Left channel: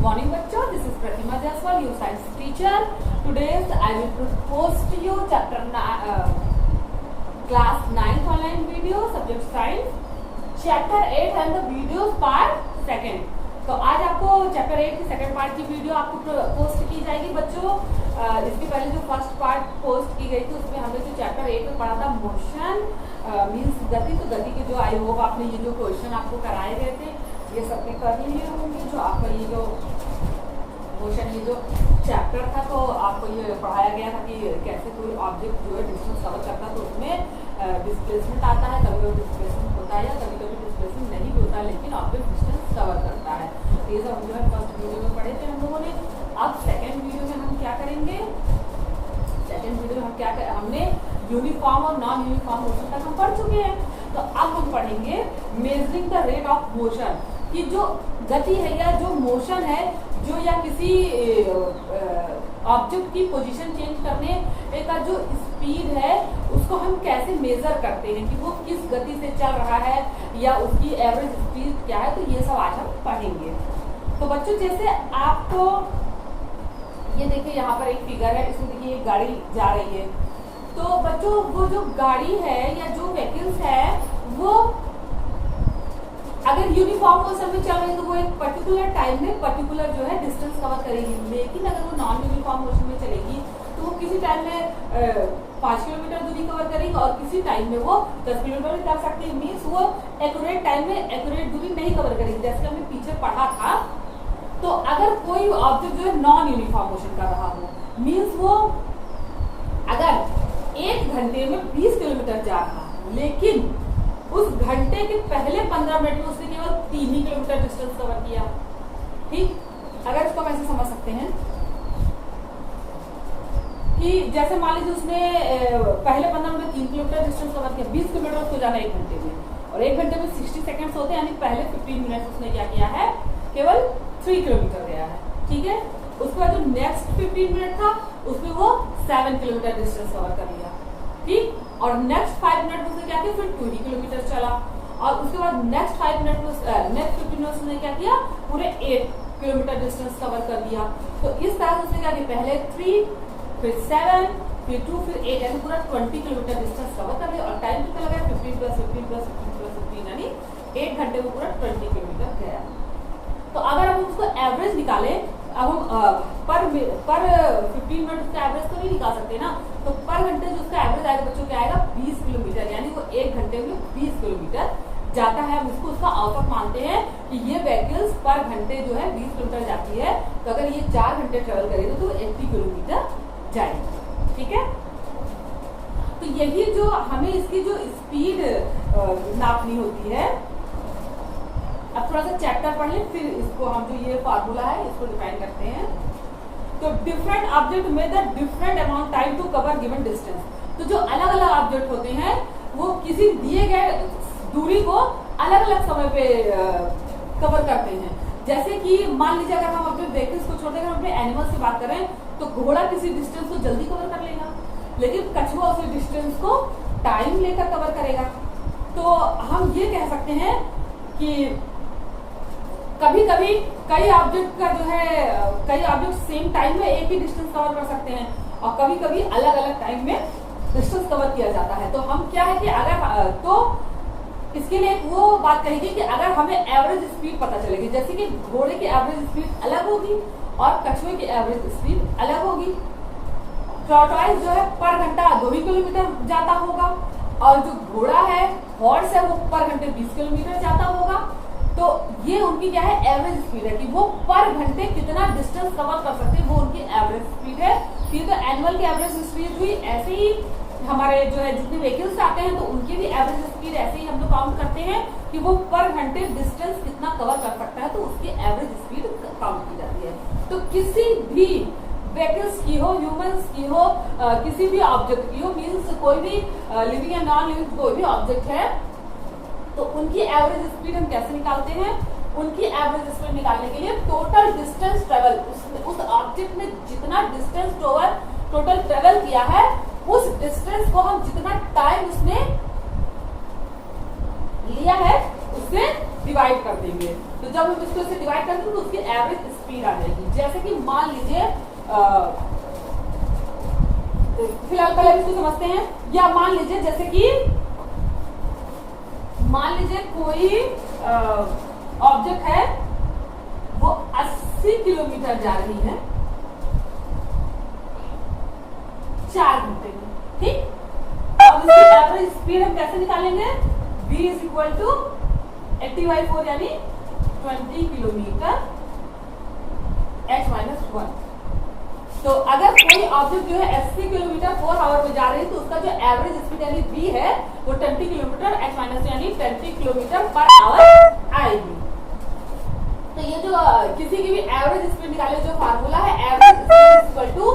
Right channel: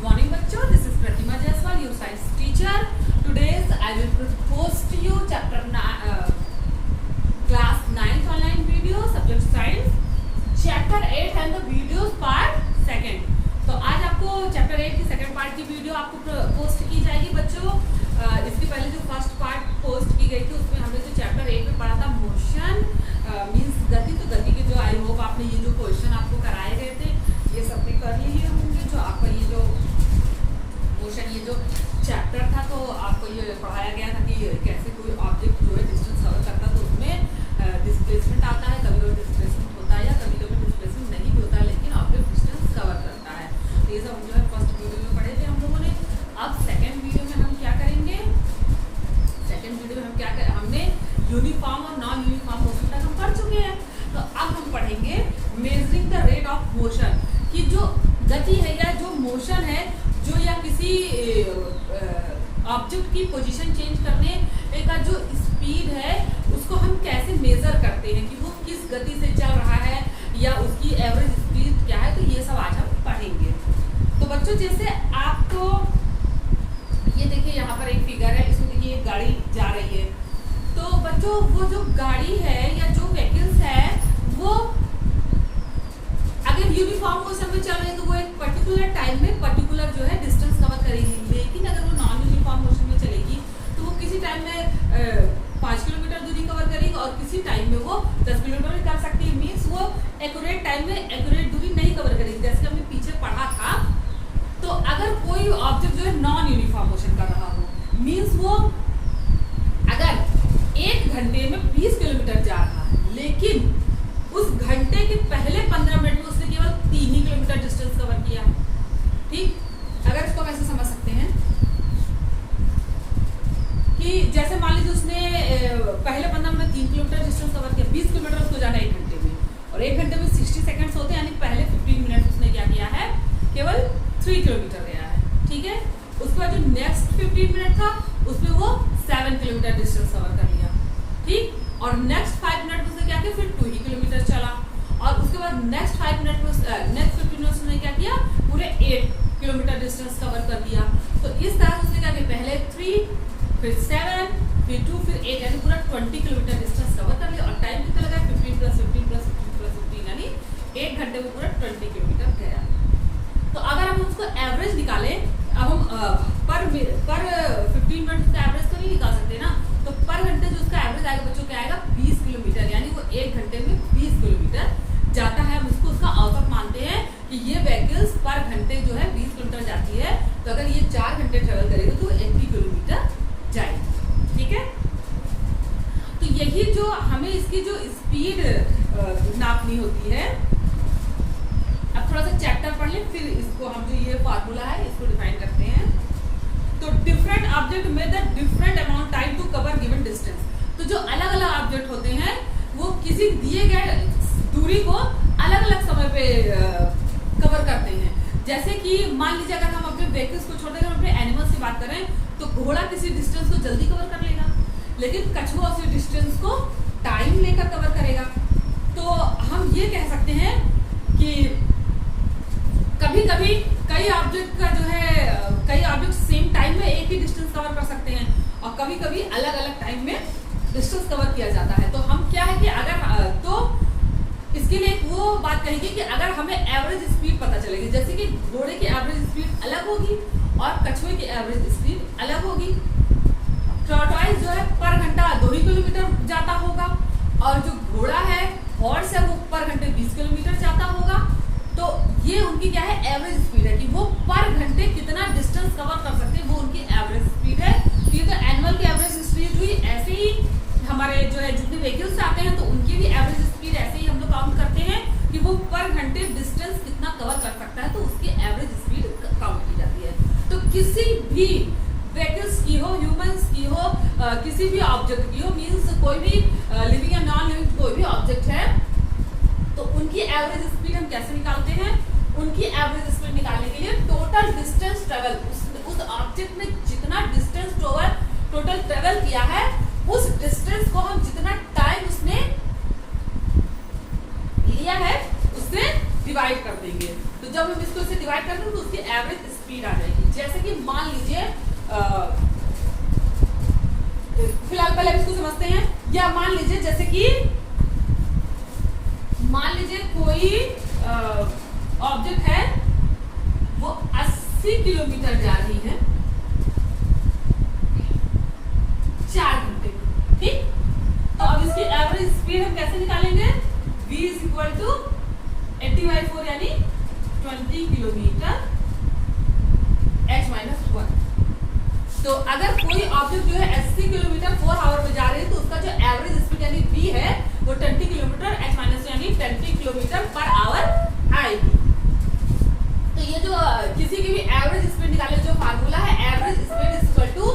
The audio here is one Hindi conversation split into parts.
Good morning, bachcho. This is Pratima Jaiswal, your science teacher. Today I will propose to you class 9th online video, subject science, chapter 8 and the videos part 2nd. तो आज आपको चैप्टर 8 की सेकंड पार्ट की वीडियो आपको पोस्ट की जाएगी बच्चों। इसके पहले जो फर्स्ट पार्ट पोस्ट की गई थी उसमें हमने जो चैप्टर 8 में पढ़ा था मोशन मीन्स गति, तो गति के जो आई होप आपने ये जो क्वेश्चन आपको कराए गए थे ये सबने कर लिए होंगे। जो आपका ये जो मोशन ये जो चैप्टर था तो आपको ये पढ़ाया गया था कि कैसे कोई ऑब्जेक्ट जो है डिस्टेंस कवर करता है तो उसमें डिस्प्लेसमेंट आता है, कभी कभी डिस्प्लेसमेंट होता है या कभी कभी डिस्प्लेसमेंट नहीं भी होता है, लेकिन ऑब्जेक्ट डिस्टेंस कवर करता है। तो ये सब हम जो है फर्स्ट वीडियो में पढ़े थे हम लोगों ने। अब सेकेंड वीडियो में हम क्या करेंगे, सेकेंड वीडियो में हम क्या करें, हमने यूनिफॉर्म और नॉन यूनिफॉर्म मोशन तक हम पढ़ चुके हैं। तो अब हम पढ़ेंगे measuring the rate of motion, कि जो गति है या जो मोशन है जो या किसी ऑब्जेक्ट की पोजीशन चेंज करने का जो स्पीड है उसको हम कैसे मेजर करते हैं कि वो किस गति से चल रहा है या उसकी एवरेज स्पीड क्या है। तो ये सब आज हम पढ़ेंगे। तो बच्चों जैसे आपको ये देखिए यहाँ पर एक फिगर है, इसमें देखिए एक गाड़ी जा रही है। तो बच्चों वो जो गाड़ी है या जो व्हीकल्स है वो अगर यूनिफॉर्म मोशन में चल रही है तो वो एक पर्टिकुलर टाइम में पर्टिकुलर जो है डिस्टेंस कवर करेगी, लेकिन अगर वो नॉन यूनिफॉर्म मोशन में चलेगी तो वो किसी टाइम में 5 किलोमीटर दूरी कवर करेगी और किसी टाइम में वो 10 किलोमीटर भी कर सकती है। मीन्स वो एक्यूरेट टाइम में एक्यूरेट दूरी नहीं कवर करेगी। जैसे हमने पीछे पढ़ा था, तो अगर कोई ऑब्जेक्ट जो है नॉन यूनिफॉर्म मोशन कर रहा हो, मीन्स वो अगर 1 घंटे में 20 किलोमीटर जा रहा है लेकिन उस घंटे के पहले 15 मिनट में उसने केवल 3 ही किलोमीटर डिस्टेंस कवर किया। ठीक, अगर इसको हम ऐसे समझ सकते हैं कि जैसे मान लीजिए उसने पहले 15 मिनट 3 किलोमीटर डिस्टेंस कवर किया, 20 किलोमीटर उसको जाना 1 घंटे में और 1 घंटे में 60 सेकंड्स होते हैं, यानी पहले 15 मिनट उसने क्या किया है, केवल 3 किलोमीटर गया है। ठीक है, उसके बाद जो नेक्स्ट 15 मिनट था उसमें वो 7 किलोमीटर डिस्टेंस कवर कर लिया। ठीक, और नेक्स्ट 5 मिनट में उसने क्या किया, फिर 2 ही किलोमीटर चला और उसके बाद नेक्स्ट 5 मिनट में नेक्स्ट 15 मिनट उसने क्या किया, पूरे 8 किलोमीटर डिस्टेंस कवर कर दिया। तो इस तरह से उसने क्या किया, पहले 3 फिर 7 फिर 2 फिर 8 यानी पूरा 20 किलोमीटर डिस्टेंस कवर कर लिया। और टाइम कितना लगा, 15 + 15 + 15 + 15 यानी 1 घंटे में पूरा 20 किलोमीटर गया। तो अगर हम उसको एवरेज निकालें, अब हम पर 15 मिनट का एवरेज तो नहीं निकाल सकते ना, तो पर घंटे जो उसका एवरेज आएगा बच्चों क्या आएगा, 20 किलोमीटर, यानी वो 1 घंटे में 20 किलोमीटर जाता है। हम उसको उसका औसत मानते हैं कि ये व्हीकल्स पर घंटे जो है 20 किलोमीटर जाती है। तो अगर ये 4 घंटे ट्रेवल करेगा तो 80 किलोमीटर जाएगी। ठीक है, तो यही जो हमें इसकी जो स्पीड नापनी होती है। अब थोड़ा सा चैप्टर पढ़ लें, फिर इसको हम जो ये फार्मूला है इसको डिफाइन करते हैं। तो डिफरेंट ऑब्जेक्ट में the different amount time to cover given distance. तो जो अलग अलग ऑब्जेक्ट होते हैं वो किसी दिए गए दूरी को अलग अलग समय पे कवर करते हैं। जैसे कि मान लीजिए अगर हम अपने व्हीकल्स को छोड़ दें, अगर अपने एनिमल्स की बात करें तो घोड़ा किसी डिस्टेंस को जल्दी कवर कर लेगा, लेकिन कछुआ उसी डिस्टेंस को टाइम लेकर कवर करेगा। तो हम ये कह सकते हैं कि कभी कभी कई ऑब्जेक्ट का जो है कई ऑब्जेक्ट सेम टाइम में एक ही डिस्टेंस कवर कर सकते हैं और कभी कभी अलग अलग टाइम में डिस्टेंस कवर किया जाता है। तो हम क्या है कि अगर तो इसके लिए वो बात कहेगी कि अगर हमें एवरेज स्पीड पता चलेगी, जैसे कि घोड़े की एवरेज स्पीड अलग होगी और कछुए की एवरेज स्पीड अलग होगी। टॉर्टोइज जो है पर घंटा 2 किलोमीटर जाता होगा और जो घोड़ा है हॉर्स है वो पर घंटे 20 किलोमीटर जाता होगा। तो ये उनकी क्या है, एवरेज स्पीड है कि वो पर घंटे कितना डिस्टेंस कवर कर सकते हैं, वो उनकी एवरेज स्पीड है। ये तो एनिमल की एवरेज स्पीड हुई, ऐसे ही हमारे जो है जितने व्हीकल्स आते हैं तो उनकी भी एवरेज स्पीड ऐसे ही हम लोग काउंट करते हैं कि वो पर घंटे डिस्टेंस कितना कवर कर सकता है, तो उसकी एवरेज स्पीड काउंट की जाती है। तो किसी भी व्हीकल्स की हो, ह्यूमंस की हो, किसी भी ऑब्जेक्ट की हो, मीन्स कोई भी लिविंग या नॉन लिविंग कोई भी ऑब्जेक्ट है, तो उनकी एवरेज स्पीड हम कैसे निकालते हैं, उनकी एवरेज स्पीड निकालने के लिए टोटल डिस्टेंस ट्रेवल, उस ऑब्जेक्ट में जितना डिस्टेंस टोटल ट्रेवल किया है उस डिस्टेंस को हम जितना टाइम उसने लिया है उससे डिवाइड कर देंगे। तो जब हम इसको इसे डिवाइड कर देंगे तो उसकी एवरेज स्पीड आ जाएगी। जैसे कि मान लीजिए फिलहाल पहले इसको समझते हैं। या मान लीजिए जैसे कि मान लीजिए कोई ऑब्जेक्ट है वो 80 किलोमीटर जा रही है 4 घंटे में, ठीक। अब इसकी एवरेज स्पीड हम कैसे निकालेंगे? v इज इक्वल टू 80/4 यानी 20 किलोमीटर h-1। तो अगर कोई ऑब्जेक्ट जो है 80 किलोमीटर 4 आवर में जा रही है तो उसका जो एवरेज स्पीड यानी v है वो 20 किलोमीटर h- यानी 20 किलोमीटर पर आवर आएगी। तो ये जो किसी की भी एवरेज स्पीड निकाले जो फार्मूला है, average speed is equal to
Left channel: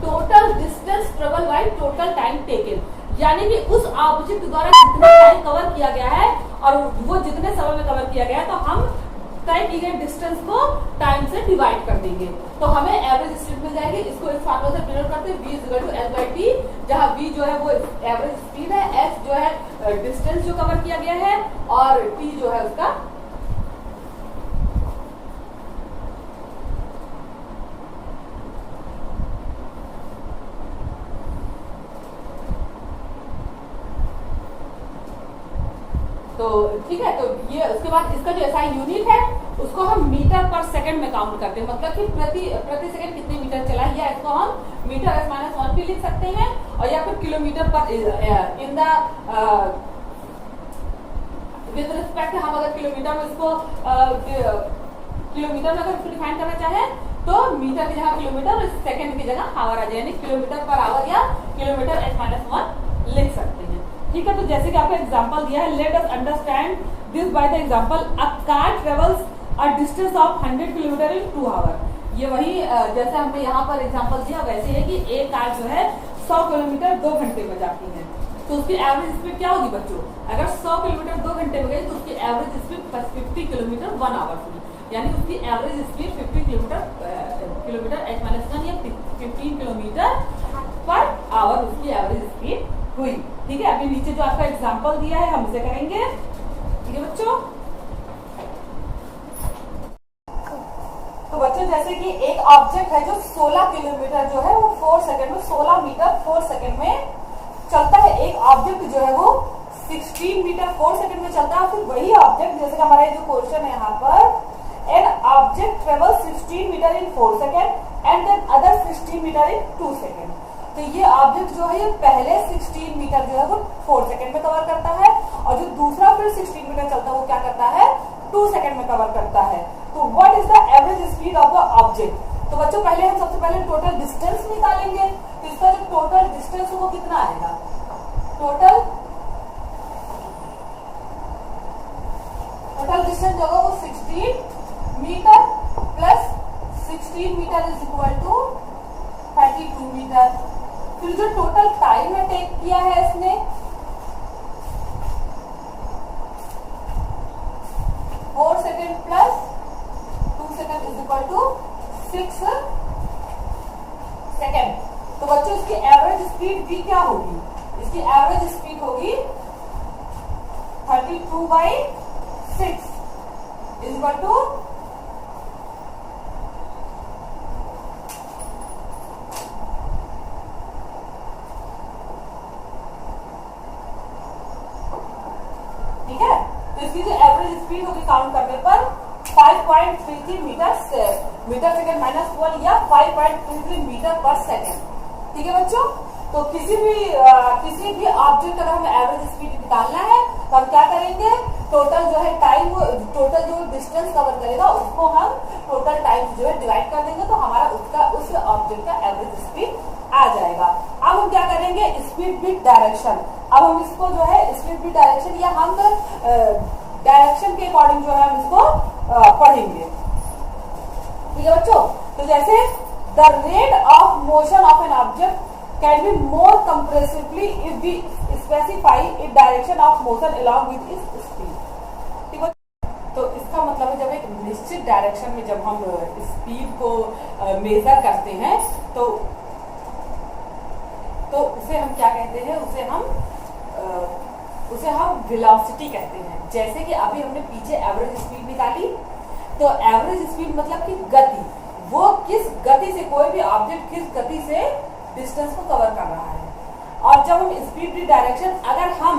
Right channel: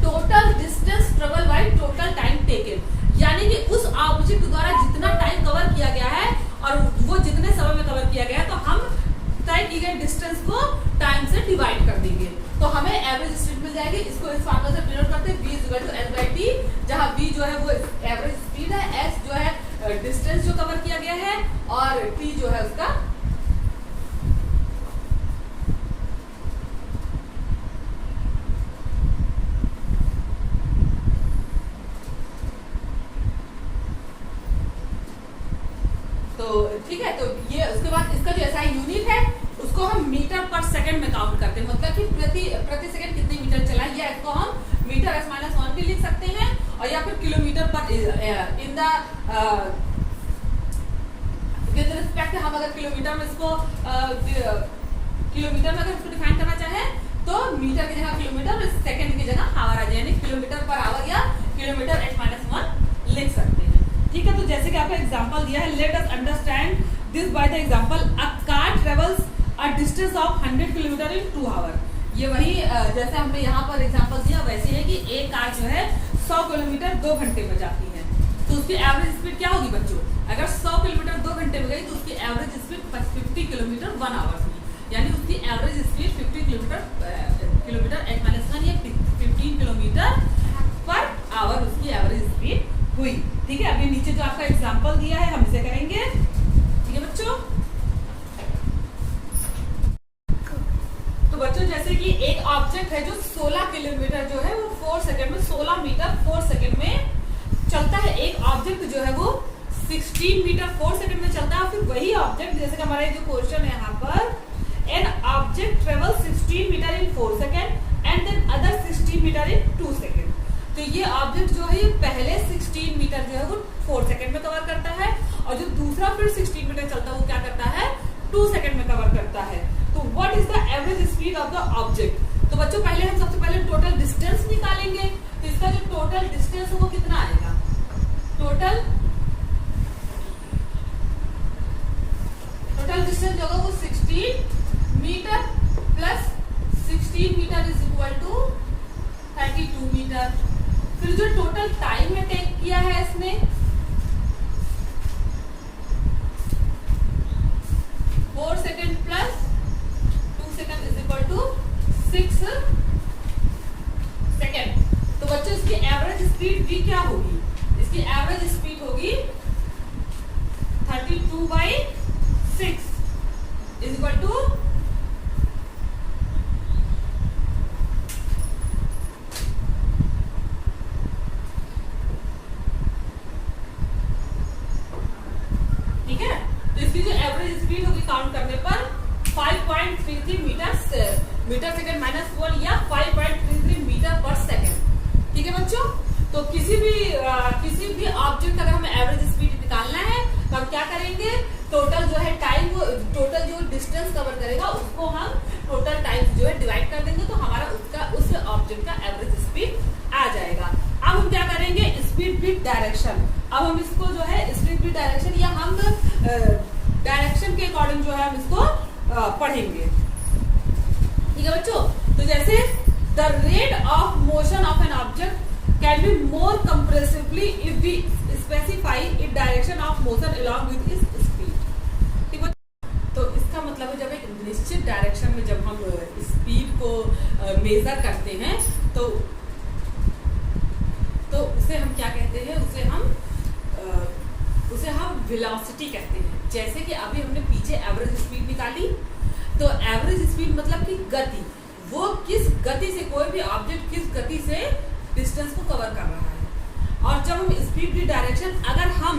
total distance travel by total time taken, यानी कि उस ऑब्जेक्ट द्वारा जितना टाइम कवर किया गया है और वो जितने समय में कवर किया गया है तो हम तय की गई डिस्टेंस को टाइम से डिवाइड कर देंगे तो हमें एवरेज स्पीड मिल जाएगी। इसको इस फार्मूला से डिनोट करते हैं v is equal to s/t, जहां v जो है वो एवरेज स्पीड है, s जो है डिस्टेंस जो कवर किया गया है और t जो है उसका तो ठीक है। तो ये उसके बाद इसका जो SI यूनिट है उसको हम मीटर पर सेकंड में काउंट करते हैं, मतलब कि प्रति सेकंड कितने मीटर चला है, या इसको हम मीटर s-1 भी लिख सकते हैं और या फिर किलोमीटर पर इन द विद रिस्पेक्ट हम अगर किलोमीटर में इसको किलोमीटर में अगर इसको डिफाइन करना चाहे तो मीटर की जगह किलोमीटर और सेकंड की जगह आवर आ जाए, यानी किलोमीटर पर आवर या किलोमीटर h-1 लिख सकते हैं, ठीक है। तो जैसे कि आपको एग्जांपल दिया है, let us understand this by the example a car travels a distance of 100 kilometre in 2 hour. ये वही जैसे हमने यहाँ पर एग्जांपल दिया वैसे है कि एक कार जो है 100 किलोमीटर 2 घंटे में जाती है तो उसकी एवरेज स्पीड क्या होगी बच्चों? अगर 100 किलोमीटर 2 घंटे में गई तो उसकी एवरेज स्पीड 50 किलोमीटर 1 आवर होगी, यानी उसकी एवरेज स्पीड 50 किलोमीटर h-1 या 15 किलोमीटर पर आवर उसकी एवरेज स्पीड हुई, ठीक है। अभी नीचे जो आपका एग्जांपल दिया है हम इसे करेंगे, ठीक है बच्चों। तो बच्चों जैसे कि एक ऑब्जेक्ट है जो 16 किलोमीटर जो है वो 4 सेकंड में 16 मीटर 4 सेकंड में चलता है, एक ऑब्जेक्ट जो है वो 16 मीटर 4 सेकंड में चलता है। फिर वही ऑब्जेक्ट जैसे कि हमारा जो क्वेश्चन है यहाँ पर, an object travel 16 metre in 4 second and then other 16 metre in 2 second. तो ये ऑब्जेक्ट जो है ये पहले 16 मीटर जो है वो 4 सेकंड में कवर करता है और जो दूसरा फिर 16 मीटर चलता है वो क्या करता है 2 सेकंड में कवर करता है। तो what is the average speed of the object? तो बच्चों पहले हम सबसे पहले टोटल डिस्टेंस निकालेंगे। तो इसका जो टोटल डिस्टेंस वो कितना आएगा? टोटल डिस्टेंस जो होगा वो 16 metre plus 16 metre is equal to 32 metre. फिर जो टोटल टाइम में टेक किया है इसने four second plus 2 second is equal to 6 second. तो बच्चों इसकी एवरेज स्पीड भी क्या होगी? इसकी एवरेज स्पीड होगी 32/6 इज इक्वल टू ठीक है। तो इसकी जो एवरेज स्पीड होगी काउंट करने पर 5.33 मीटर सेकेंड माइनस 1 या 5.33 मीटर पर सेकेंड, ठीक है बच्चों। तो किसी भी ऑब्जेक्ट अगर हमें एवरेज स्पीड निकालना है तो हम क्या करेंगे? टोटल जो है टाइम, टोटल जो डिस्टेंस कवर करेगा उसको हम टोटल टाइम जो है डिवाइड कर देंगे तो हमारा उसका उस ऑब्जेक्ट का एवरेज स्पीड आ जाएगा। अब हम क्या करेंगे? Speed with direction. अब हम इसको जो है स्पीड विद डायरेक्शन या हम डायरेक्शन के अकॉर्डिंग जो है हम इसको पढ़ेंगे, ठीक है बच्चों। तो जैसे the rate of motion of an object can be more comprehensively if we specify it direction of motion along with its speed, ठीक है। तो इसका मतलब है जब एक निश्चित डायरेक्शन में जब हम स्पीड को मेजर करते हैं तो उसे हम क्या कहते हैं? उसे हम वेलोसिटी कहते हैं। जैसे कि अभी हमने पीछे एवरेज स्पीड निकाली, तो एवरेज स्पीड मतलब कि गति, वो किस गति से कोई भी ऑब्जेक्ट किस गति से डिस्टेंस को कवर कर रहा है। और जब हम स्पीड की डायरेक्शन, अगर हम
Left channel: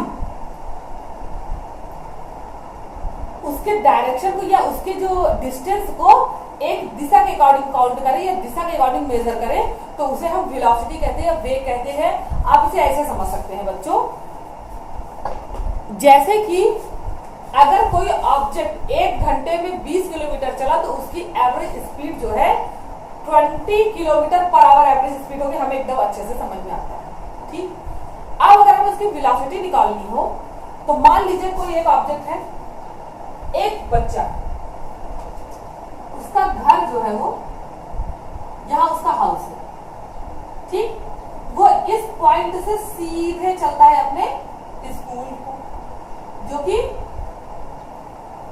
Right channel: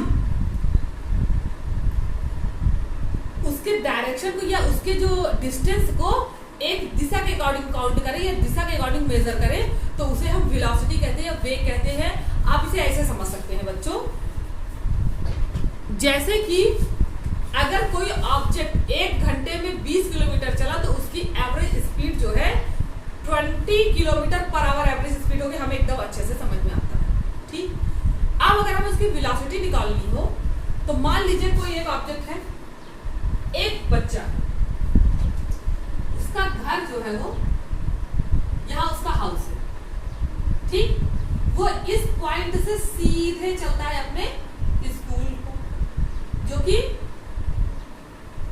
उसके डायरेक्शन को या उसके जो डिस्टेंस को एक दिशा के अकॉर्डिंग काउंट करें या दिशा के अकॉर्डिंग मेजर करें, तो उसे हम वेलोसिटी कहते हैं, वेग कहते हैं। आप इसे ऐसे समझ सकते हैं बच्चों, जैसे कि अगर कोई ऑब्जेक्ट 1 घंटे में 20 किलोमीटर चला तो उसकी एवरेज स्पीड जो है 20 किलोमीटर पर आवर एवरेज स्पीड होगी। हमें एकदम अच्छे से समझ में आता है, ठीक। अब अगर हमें उसकी वेलोसिटी निकालनी हो, तो मान लीजिए कोई एक ऑब्जेक्ट है, एक बच्चा, उसका घर जो है वो यहां उसका हाउस है, ठीक। वो इस पॉइंट से सीधे चलता है अपने स्कूल को, जो कि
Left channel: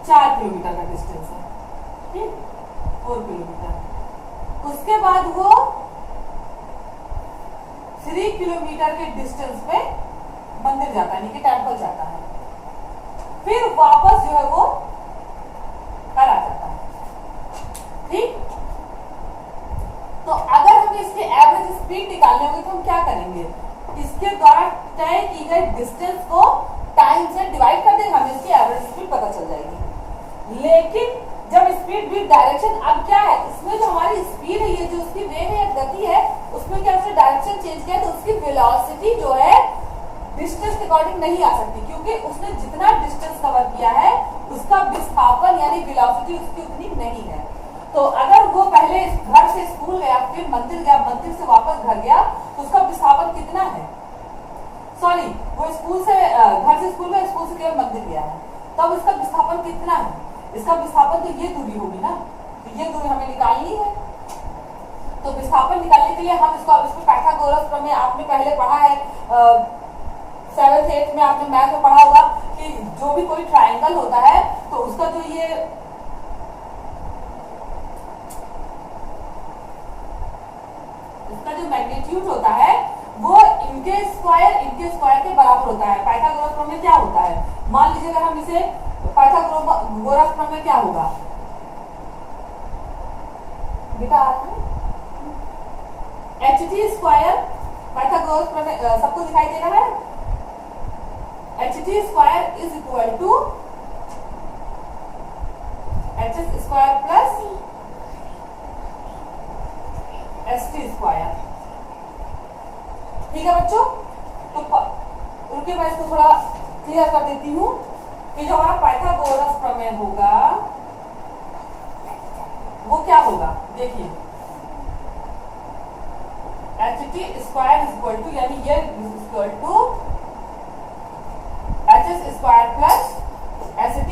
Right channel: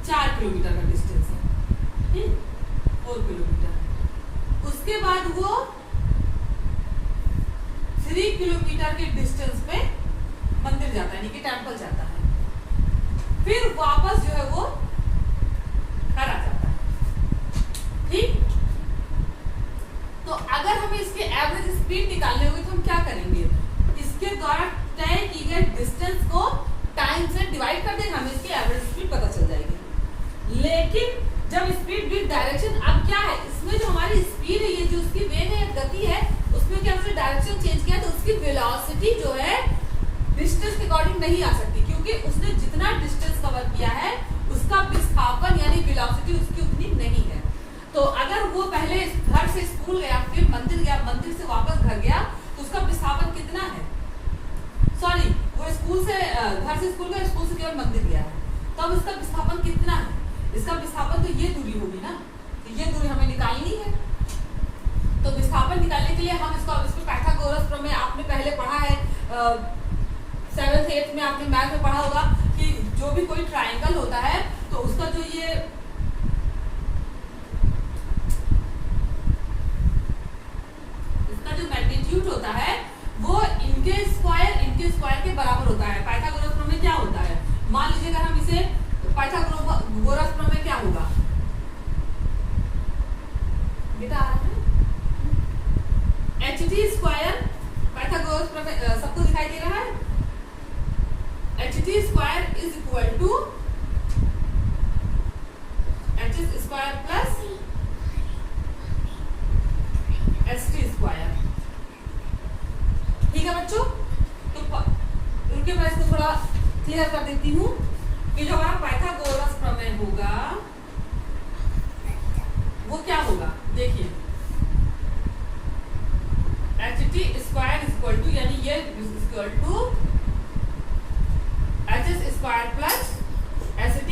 4 किलोमीटर का डिस्टेंस है, ठीक, 4 किलोमीटर। उसके बाद वो 3 किलोमीटर के डिस्टेंस पे मंदिर जाता है, यानी कि टेम्पल जाता है, फिर वापस जो है वो घर आ जाता है, ठीक। तो अगर हमें इसके एवरेज स्पीड निकालने होगी तो हम क्या करेंगे, इसके द्वारा तय की गई डिस्टेंस को टाइम से डिवाइड कर देंगे, हमें इसकी एवरेज स्पीड पता चल जाएगी। लेकिन जब स्पीड विद डायरेक्शन, अब क्या है इसमें जो हमारी स्पीड है, ये जो उसकी वेग है या गति है, उसमें क्या उसने डायरेक्शन चेंज किया, तो उसकी वेलोसिटी जो है डिस्टेंस के अकॉर्डिंग नहीं आ सकती, क्योंकि उसने जितना डिस्टेंस कवर किया है उसका विस्थापन यानी वेलोसिटी उसकी उतनी नहीं है। तो अगर वो पहले घर से स्कूल गया, फिर मंदिर गया, मंदिर से वापस घर गया, तो उसका विस्थापन कितना है, सॉरी वो स्कूल से घर से स्कूल गया, स्कूल से केवल मंदिर गया है, तब इसका विस्थापन कितना है, इसका विस्थापन तो ये दूरी होगी ना, तो ये दूरी हमें निकालनी है। तो विस्थापन निकालने के लिए हम इसको पाइथागोरस प्रमेय आपने पहले पढ़ा है, 7th 8th में आपने मैथ में पढ़ा होगा कि जो भी कोई ट्रायंगल होता है तो उसका जो ये इसका जो मैग्नीट्यूड होता है वो इनके स्क्वायर के बराबर होता है। पाइथागोरस प्रमेय क्या होता है, मान लीजिए अगर हम इसे पाइथागोरस प्रमेय क्या होगा बेटा, HT स्क्वायर, पाइथागोरस प्रमेय सबको दिखाई दे रहा है, HT square is equal to HS square plus ST square, ठीक है बच्चों। तो रुकिए मैं इसको थोड़ा क्लियर कर देती हूँ कि जो हमारा पाइथागोरस प्रमेय होगा वो क्या होगा, देखिए HT square is equal to, यानी ये equal to HS square plus ST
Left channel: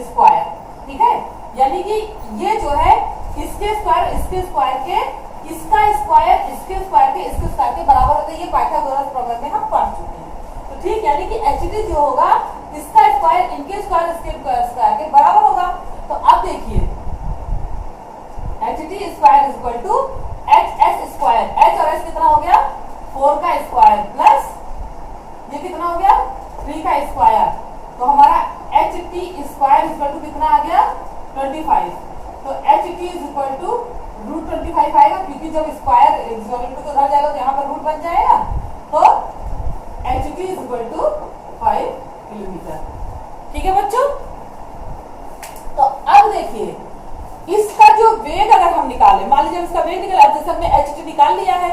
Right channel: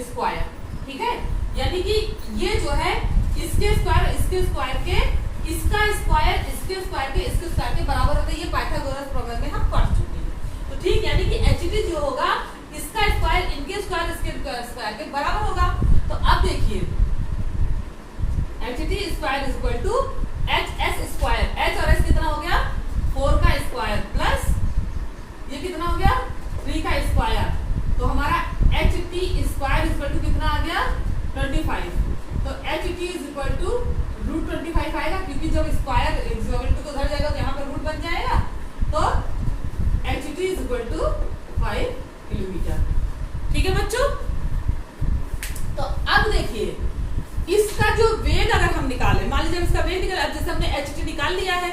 square, ठीक है। यानी कि ये जो है इसके स्क्वायर के इसका स्क्वायर इसके स्क्वायर के बराबर होता है, ये पाइथागोरस प्रमेय में हम पढ़ चुके हैं। तो ठीक, यानी कि HT जो होगा इसका स्क्वायर इनके स्क्वायर इसके स्क्वायर के बराबर होगा। तो अब देखिए HT square is equal to HS square, H और S कितना हो गया 4 का स्क्वायर प्लस ये कितना हो गया 3 का स्क्वायर, तो हमारा HT square is equal to कितना आ गया 25। तो HT is equal to root 25 आएगा, क्योंकि जब स्क्वायर को उधर जाएगा तो यहाँ पर रूट बन जाएगा, तो HT is equal to 5 kilometre, ठीक है बच्चों। तो अब देखिए इसका जो वेग अगर हम निकालें, मान लीजिए इसका वेग निकाला, जैसे हमने HT निकाल लिया है,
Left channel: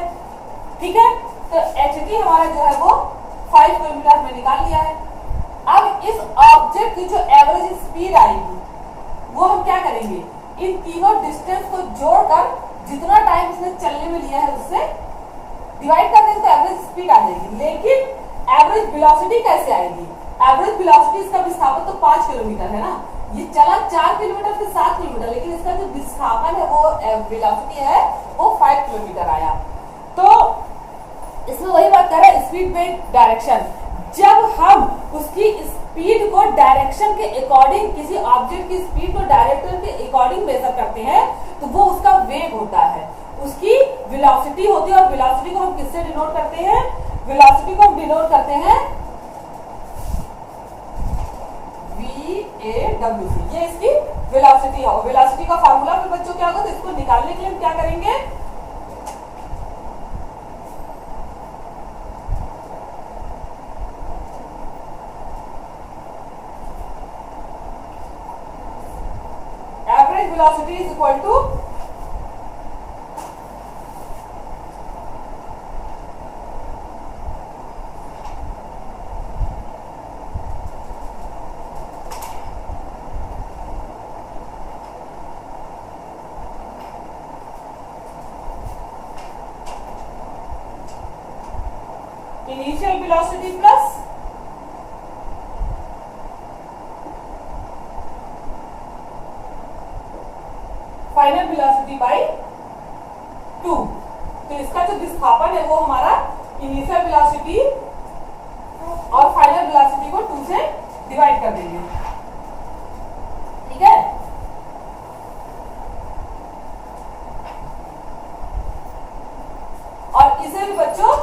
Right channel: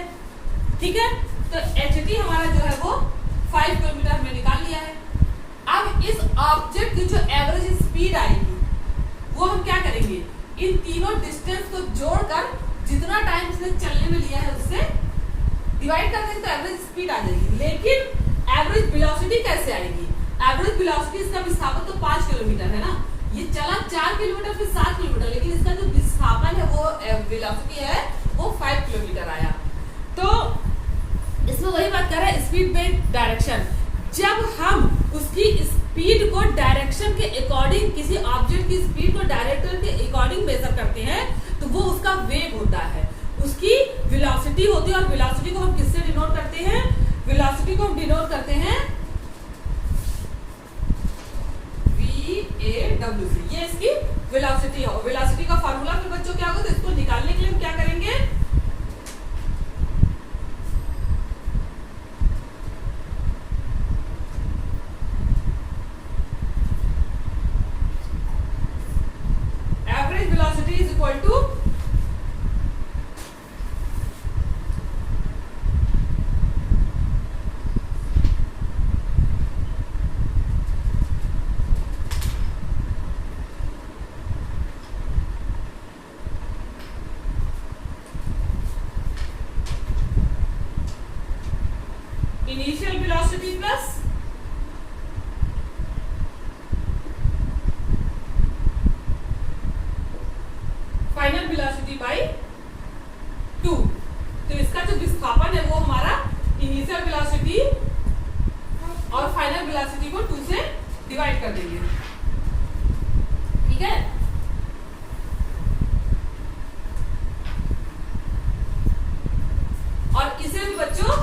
ठीक है, तो HT हमारा जो है वो 5 किलोमीटर में निकाल लिया है। अब इस ऑब्जेक्ट की जो एवरेज स्पीड आएगी वो हम क्या करेंगे, इन तीनों डिस्टेंस को जोड़कर जितना टाइम इसने चलने में लिया है उससे डिवाइड कर देंगे तो एवरेज स्पीड आ जाएगी। लेकिन एवरेज वेलोसिटी कैसे आएगी, एवरेज वेलोसिटी इसका विस्थापन तो 5 किलोमीटर है ना, ये चला 4 किलोमीटर फिर 7 किलोमीटर, लेकिन इसका जो विस्थापन है वो वेलोसिटी है वो 5 किलोमीटर आया। तो इसमें वही बात कर रहे हैं स्पीड विद डायरेक्शन, जब हम उसकी स्पीड को डायरेक्शन के अकॉर्डिंग, किसी ऑब्जेक्ट की स्पीड को डायरेक्शन के अकॉर्डिंग मेजर करते हैं तो वो उसका वेग होता है, उसकी वेलोसिटी होती है। और वेलोसिटी को हम किससे डिनोट करते हैं, वेलोसिटी को हम डिनोट करते हैं V AWC, ये इसकी वेलोसिटी है। वेलोसिटी का फार्मूला फिर बच्चों क्या होगा, तो इसको निकालने के लिए हम क्या करेंगे, average velocity is equal to initial velocity plus final velocity by 2। तो इसका जो विस्थापन है वो हमारा इनिशियल वेलोसिटी और फाइनल वेलोसिटी को 2 से डिवाइड कर देंगे, ठीक है। और इसे भी बच्चों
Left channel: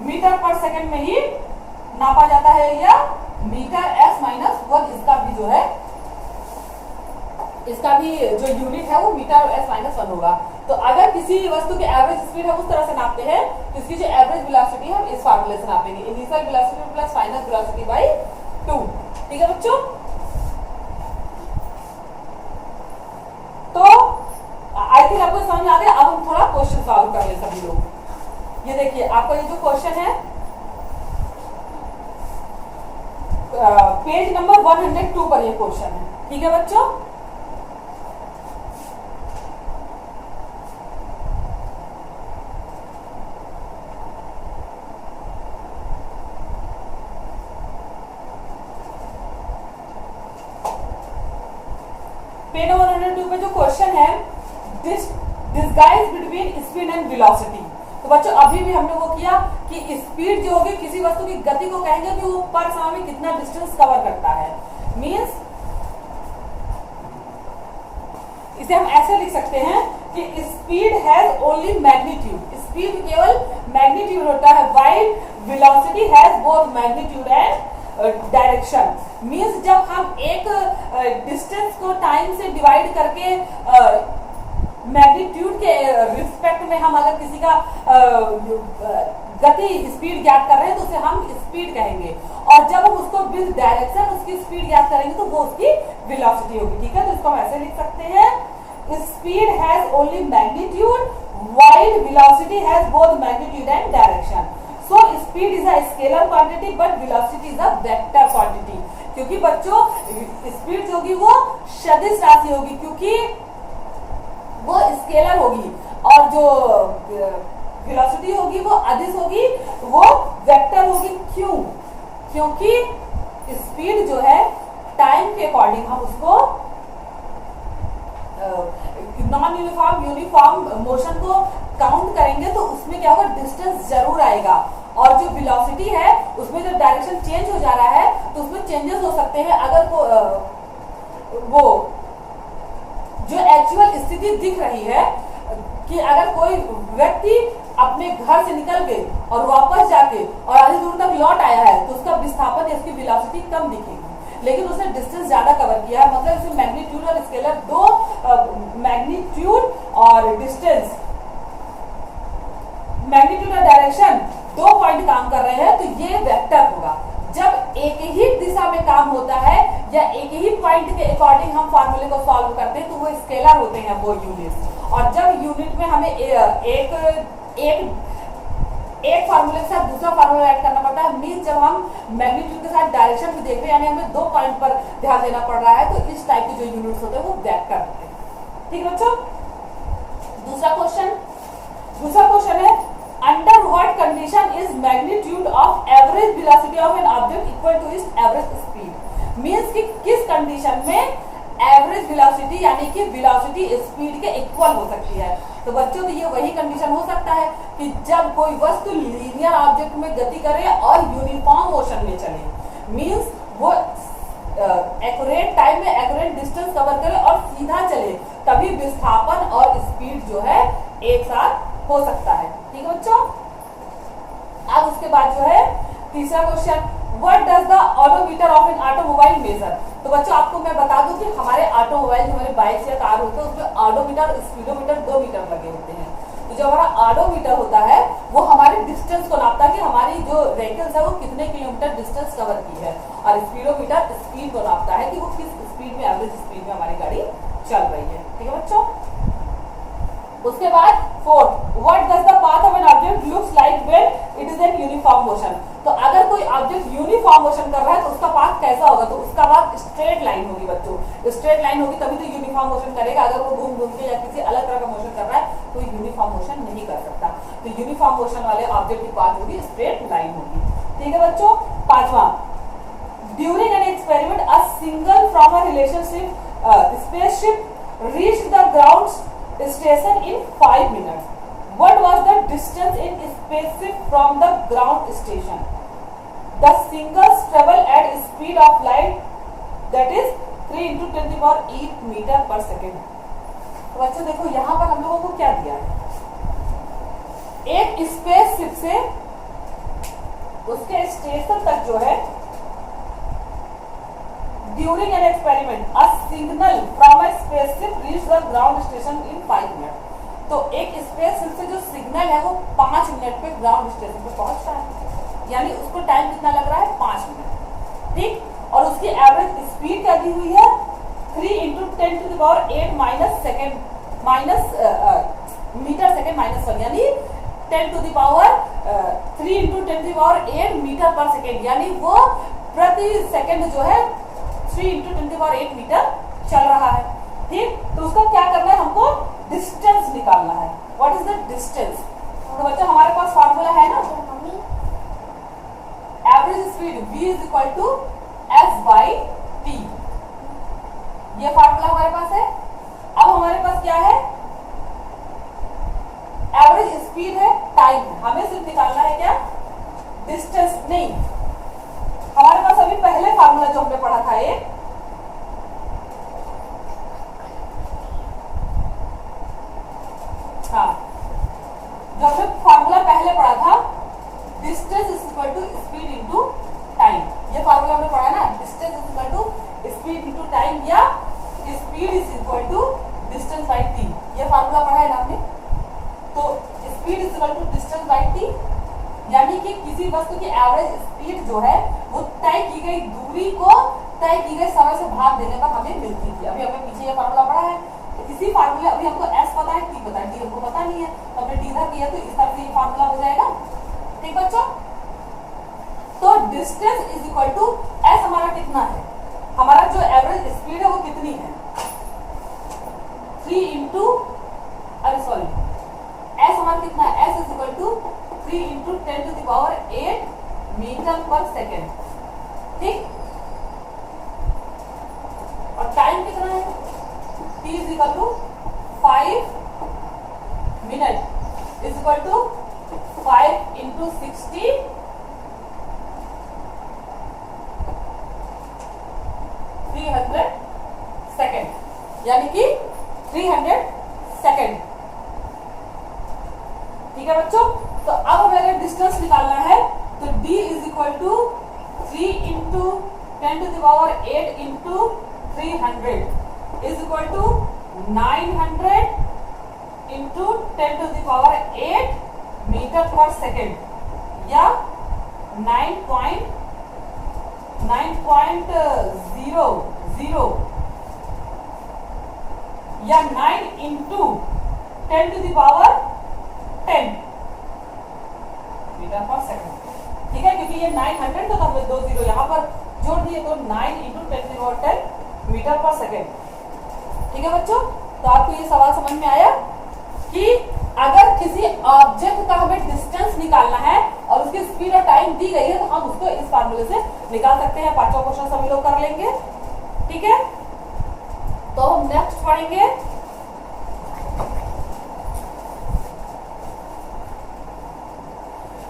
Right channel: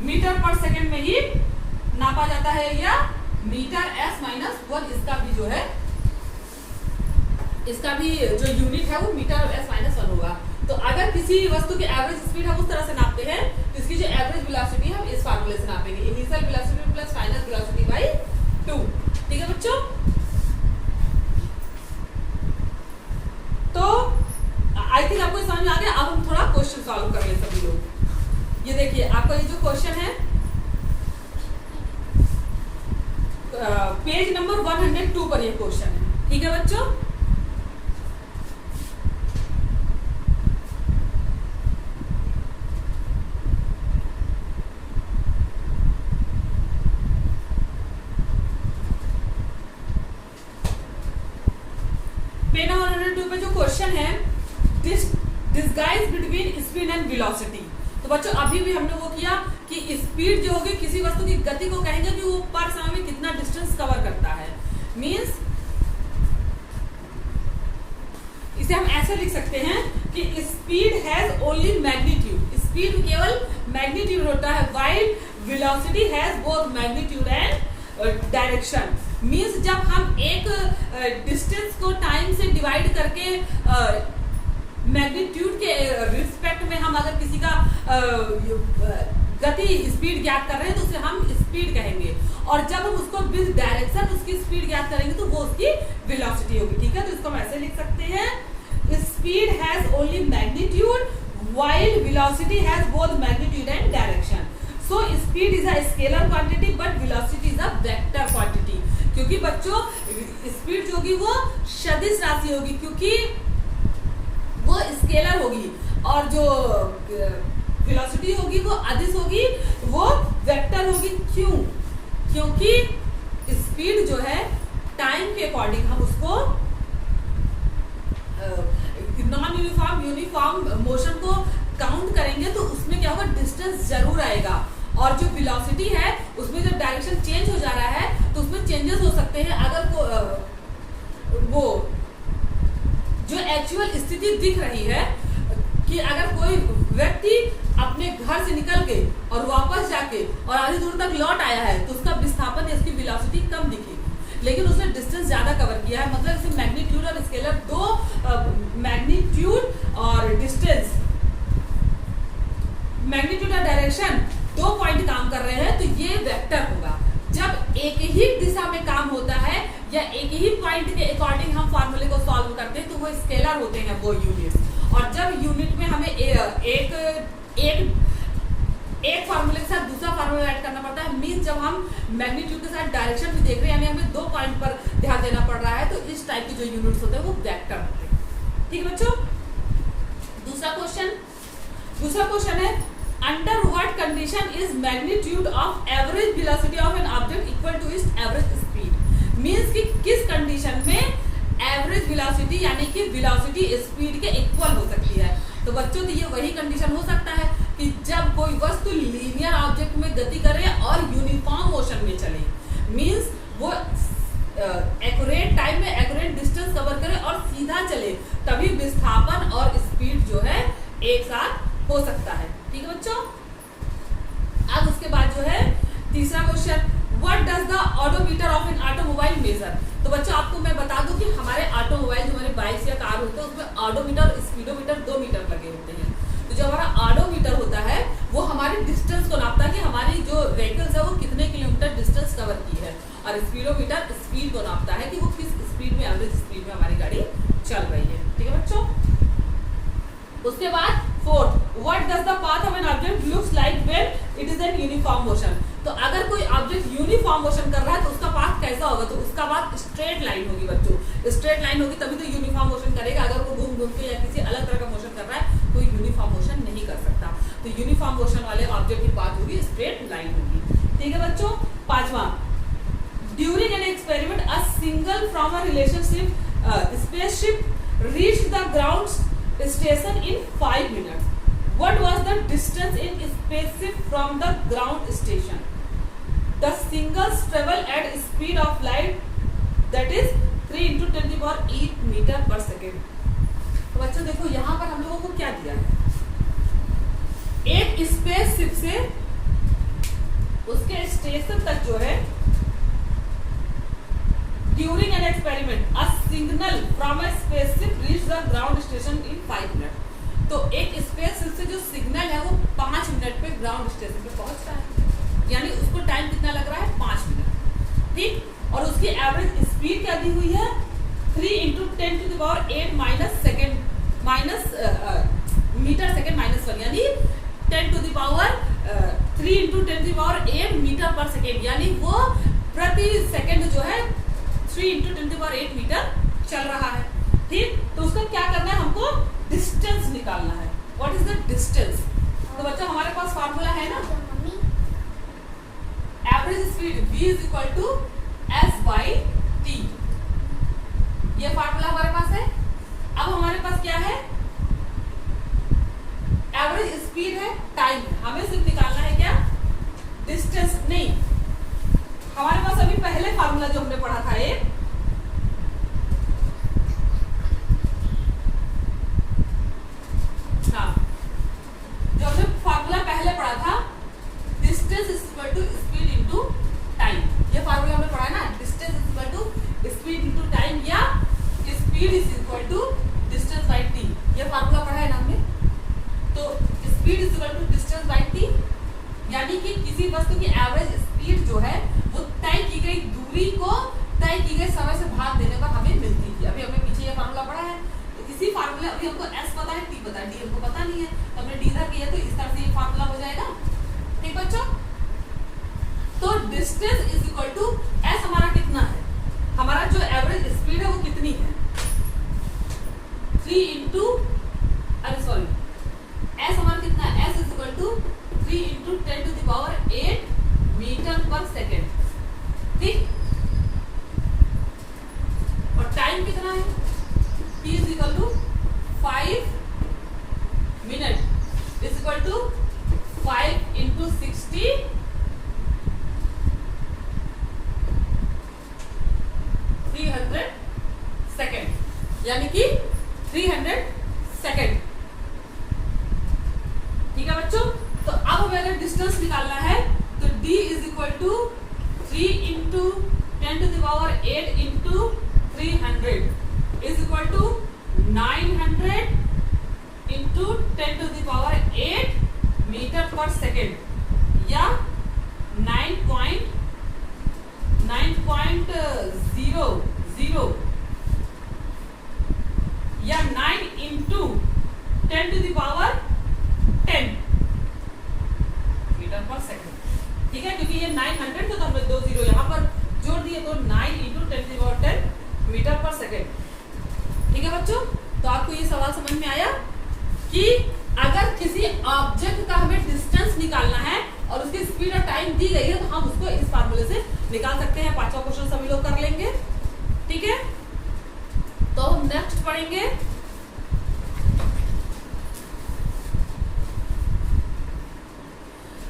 मीटर पर सेकंड में ही नापा जाता है, या मीटर S-1 इसका भी जो है, इसका भी जो यूनिट है वो मीटर S-1 होगा। तो अगर किसी वस्तु की एवरेज स्पीड हम उस तरह से नापते हैं तो इसकी जो एवरेज वेलोसिटी है हम इस फार्मूले से नापेंगे, initial velocity plus final velocity by 2, ठीक है बच्चों। तो आई थिंक आपको समझ में आ गया। अब हम थोड़ा क्वेश्चन सॉल्व कर ले सभी लोग। ये देखिए आपका ये जो क्वेश्चन है पेज नंबर 102 पर ये क्वेश्चन है, ठीक है बच्चों। पेज नंबर 102 पे जो क्वेश्चन है, disguise between speed and velocity. तो बच्चों अभी भी हमने वो किया कि स्पीड जो होगी किसी वस्तु की गति को कहेंगे कि वो पर समय में कितना डिस्टेंस कवर करता है। मींस इसे हम ऐसे लिख सकते हैं कि speed has only magnitude, speed केवल मैग्नीट्यूड होता है, while velocity has both magnitude and direction. Means जब हम एक डिस्टेंस को टाइम से डिवाइड करके मैग्नीट्यूड के रिस्पेक्ट में हम अगर किसी का गति स्पीड ज्ञात कर रहे हैं तो उसे हम स्पीड कहेंगे, और जब हम उसको विद डायरेक्शन उसकी स्पीड ज्ञात करेंगे तो वो उसकी वेलोसिटी होगी, ठीक है। तो इसको हम ऐसे लिख सकते हैं, speed has only magnitude while velocity has both magnitude and direction. So speed is a scalar quantity but velocity is a vector quantity. क्योंकि बच्चों स्पीड जो होगी वो सदिश राशि होगी, क्योंकि वो स्केलर होगी, और जो वेलोसिटी होगी वो अदिश होगी, वो वेक्टर होगी। क्यों? क्योंकि स्पीड जो है टाइम के अकॉर्डिंग हम उसको नॉन यूनिफॉर्म यूनिफॉर्म मोशन को काउंट करेंगे तो उसमें क्या होगा, डिस्टेंस जरूर आएगा। और जो वेलोसिटी है उसमें जब डायरेक्शन चेंज हो जा रहा है तो उसमें चेंजेस हो सकते हैं। अगर वो जो एक्चुअल स्थिति दिख रही है कि अगर कोई व्यक्ति अपने घर से निकल के और वापस जाके और आधी दूर तक लौट आया है तो उसका विस्थापन या उसकी वेलोसिटी कम दिखेगी, लेकिन उसने डिस्टेंस ज्यादा कवर किया है। मतलब इसे मैग्नीट्यूड और स्केलर दो मैग्नीट्यूड और डिस्टेंस, मैग्नीट्यूड और डायरेक्शन दो पॉइंट काम कर रहे हैं तो ये वेक्टर होगा। जब एक ही दिशा में काम होता है या एक ही पॉइंट के अकॉर्डिंग हम फॉर्मूले को सॉल्व करते हैं तो वो स्केलर होते हैं वो यूनिट्स। और जब यूनिट में हमें एक फार्मूले के साथ दूसरा फार्मूला ऐड करना पड़ता है, मींस जब हम मैग्नीट्यूड के साथ डायरेक्शन भी देख रहे हैं यानी हमें दो पॉइंट पर ध्यान देना पड़ रहा है, तो इस टाइप के जो यूनिट्स होते हैं वो वेक्टर होते हैं। ठीक है बच्चों। दूसरा क्वेश्चन है, under what condition is magnitude of average velocity of an object equal to its average speed. Means कि किस कंडीशन में एवरेज वेलोसिटी यानी कि वेलोसिटी स्पीड के इक्वल हो सकती है। तो बच्चों की ये वही कंडीशन हो सकता है कि जब कोई वस्तु लीनियर ऑब्जेक्ट में गति करे और यूनिफॉर्म मोशन में चले, मींस वो एक्यूरेट टाइम में एक्यूरेट डिस्टेंस कवर करे और सीधा चले, तभी विस्थापन और स्पीड जो है एक साथ हो सकता है। ठीक है बच्चों। अब उसके बाद जो है तीसरा question, what does the odometer of an automobile measure. तो बच्चों आपको मैं बता दूं कि हमारे ऑटोमोबाइल जो हमारे बाइक या कार होते हैं उसमें ऑडोमीटर और स्पीडोमीटर 2 मीटर लगे होते हैं। तो जो हमारा ऑडोमीटर होता है वो हमारे डिस्टेंस को नापता है कि हमारी जो व्हीकल्स है वो कितने किलोमीटर डिस्टेंस कवर की है, और स्पीडोमीटर स्पीड को नापता है कि वो किस स्पीड में, एवरेज स्पीड में हमारी गाड़ी चल रही है। ठीक है बच्चों। उसके बाद fourth, what does the path of an object looks like when it is in uniform motion. तो अगर कोई ऑब्जेक्ट यूनिफॉर्म मोशन कर रहा है तो उसका पाथ कैसा होगा, तो उसका पाथ स्ट्रेट लाइन होगी बच्चों। स्ट्रेट लाइन होगी तभी तो यूनिफॉर्म मोशन करेगा। अगर वो घूम घूम के या किसी अलग तरह का मोशन कर रहा है तो यूनिफॉर्म मोशन नहीं कर सकता। तो यूनिफॉर्म मोशन वाले ऑब्जेक्ट की पाथ होगी स्ट्रेट लाइन होगी। ठीक है बच्चों। पांचवा, during an experiment a single from a relationship spaceship reached the ground station in 5 minutes. What was the distance in spaceship from the ground station? The singles travel at speed of light, that is 3 into 10 to the power 8 meter per second. तो बच्चों देखो यहाँ पर हम लोगों को क्या दिया है, एक स्पेसशिप से उसके स्टेशन तक जो है During an experiment, a signal from a spaceship reached the ground station in 5 minutes. तो एक स्पेसशिप से जो सिग्नल है वो 5 मिनट पे ग्राउंड स्टेशन पे पहुंचता है, यानी उसको टाइम कितना लग रहा है, 5 मिनट। ठीक। और उसकी एवरेज स्पीड क्या दी हुई है, 3 into 10 to the power 8 minus second minus metre second minus 1, यानी 10 to the power 3 into 10 to the power 8 metre पर सेकेंड, यानी वो प्रति सेकेंड जो है 3 into 10 to the power 8 metre चल रहा है। ठीक। तो उसका क्या करना है, हमको डिस्टेंस निकालना है। What is the distance. तो बच्चा हमारे पास फार्मूला है ना, average speed v is equal to s by t. ये फार्मूला हमारे पास है। अब हमारे पास क्या है, एवरेज स्पीड है, टाइम, हमें सिर्फ निकालना है क्या, डिस्टेंस नहीं। हमारे पास अभी पहले फार्मूला जो हमने पढ़ा था ये, हाँ, जो हमने फार्मूला पहले पढ़ा था, distance is equal to speed into time. ये फार्मूला हमने पढ़ा ना, distance is equal to speed into time, या speed is equal to distance by T. ये फार्मूला पढ़ा है ना हमने। तो speed is equal to distance by T, यानी कि किसी वस्तु की एवरेज स्पीड जो है वो तय की गई दूरी को तय की गई समय से भाग देने पर हमें मिलती थी। अभी हमें पीछे ये फार्मूला पढ़ा है, तो इसी फार्मूले, अभी हमको s पता है, t पता है, d हमको पता नहीं है, तो हमने d इधर किया तो इस तरह से ये फार्मूला हो जाएगा। ठीक बच्चों। तो distance is equal to s हमारा कितना है, हमारा जो एवरेज स्पीड है वो कितनी है, 3 इंटू, अरे सॉरी, s हमारा कितना है, s is equal to 3 into 10 to the power 8 metre पर सेकेंड। ठीक। और टाइम कितना है, t is equal to 5 minute is equal to 5 into 60 300 second, यानी कि 300 सेकेंड। ठीक है बच्चों। तो अब हमें अगर डिस्टेंस निकालना है तो d is equal to 3 into 10 to the power 8 into 300 is equal to 900 into 10 to the power 8 metre पर सेकेंड, या 9.00 या 9 into 10 to the power 10 metre पर सेकेंड। ठीक है, क्योंकि ये 900 तो हमने 2 जीरो यहाँ पर जोड़ दिए, तो 9 इंटू 10 मीटर पर सेकेंड। ठीक है बच्चों। तो आपको ये सवाल समझ में आया कि अगर किसी ऑब्जेक्ट का हमें डिस्टेंस निकालना है और उसकी स्पीड और टाइम दी गई है तो हम उसको इस फार्मूले से निकाल सकते हैं। पांचवा क्वेश्चन सभी लोग कर लेंगे। ठीक है, तो हम नेक्स्ट पढ़ेंगे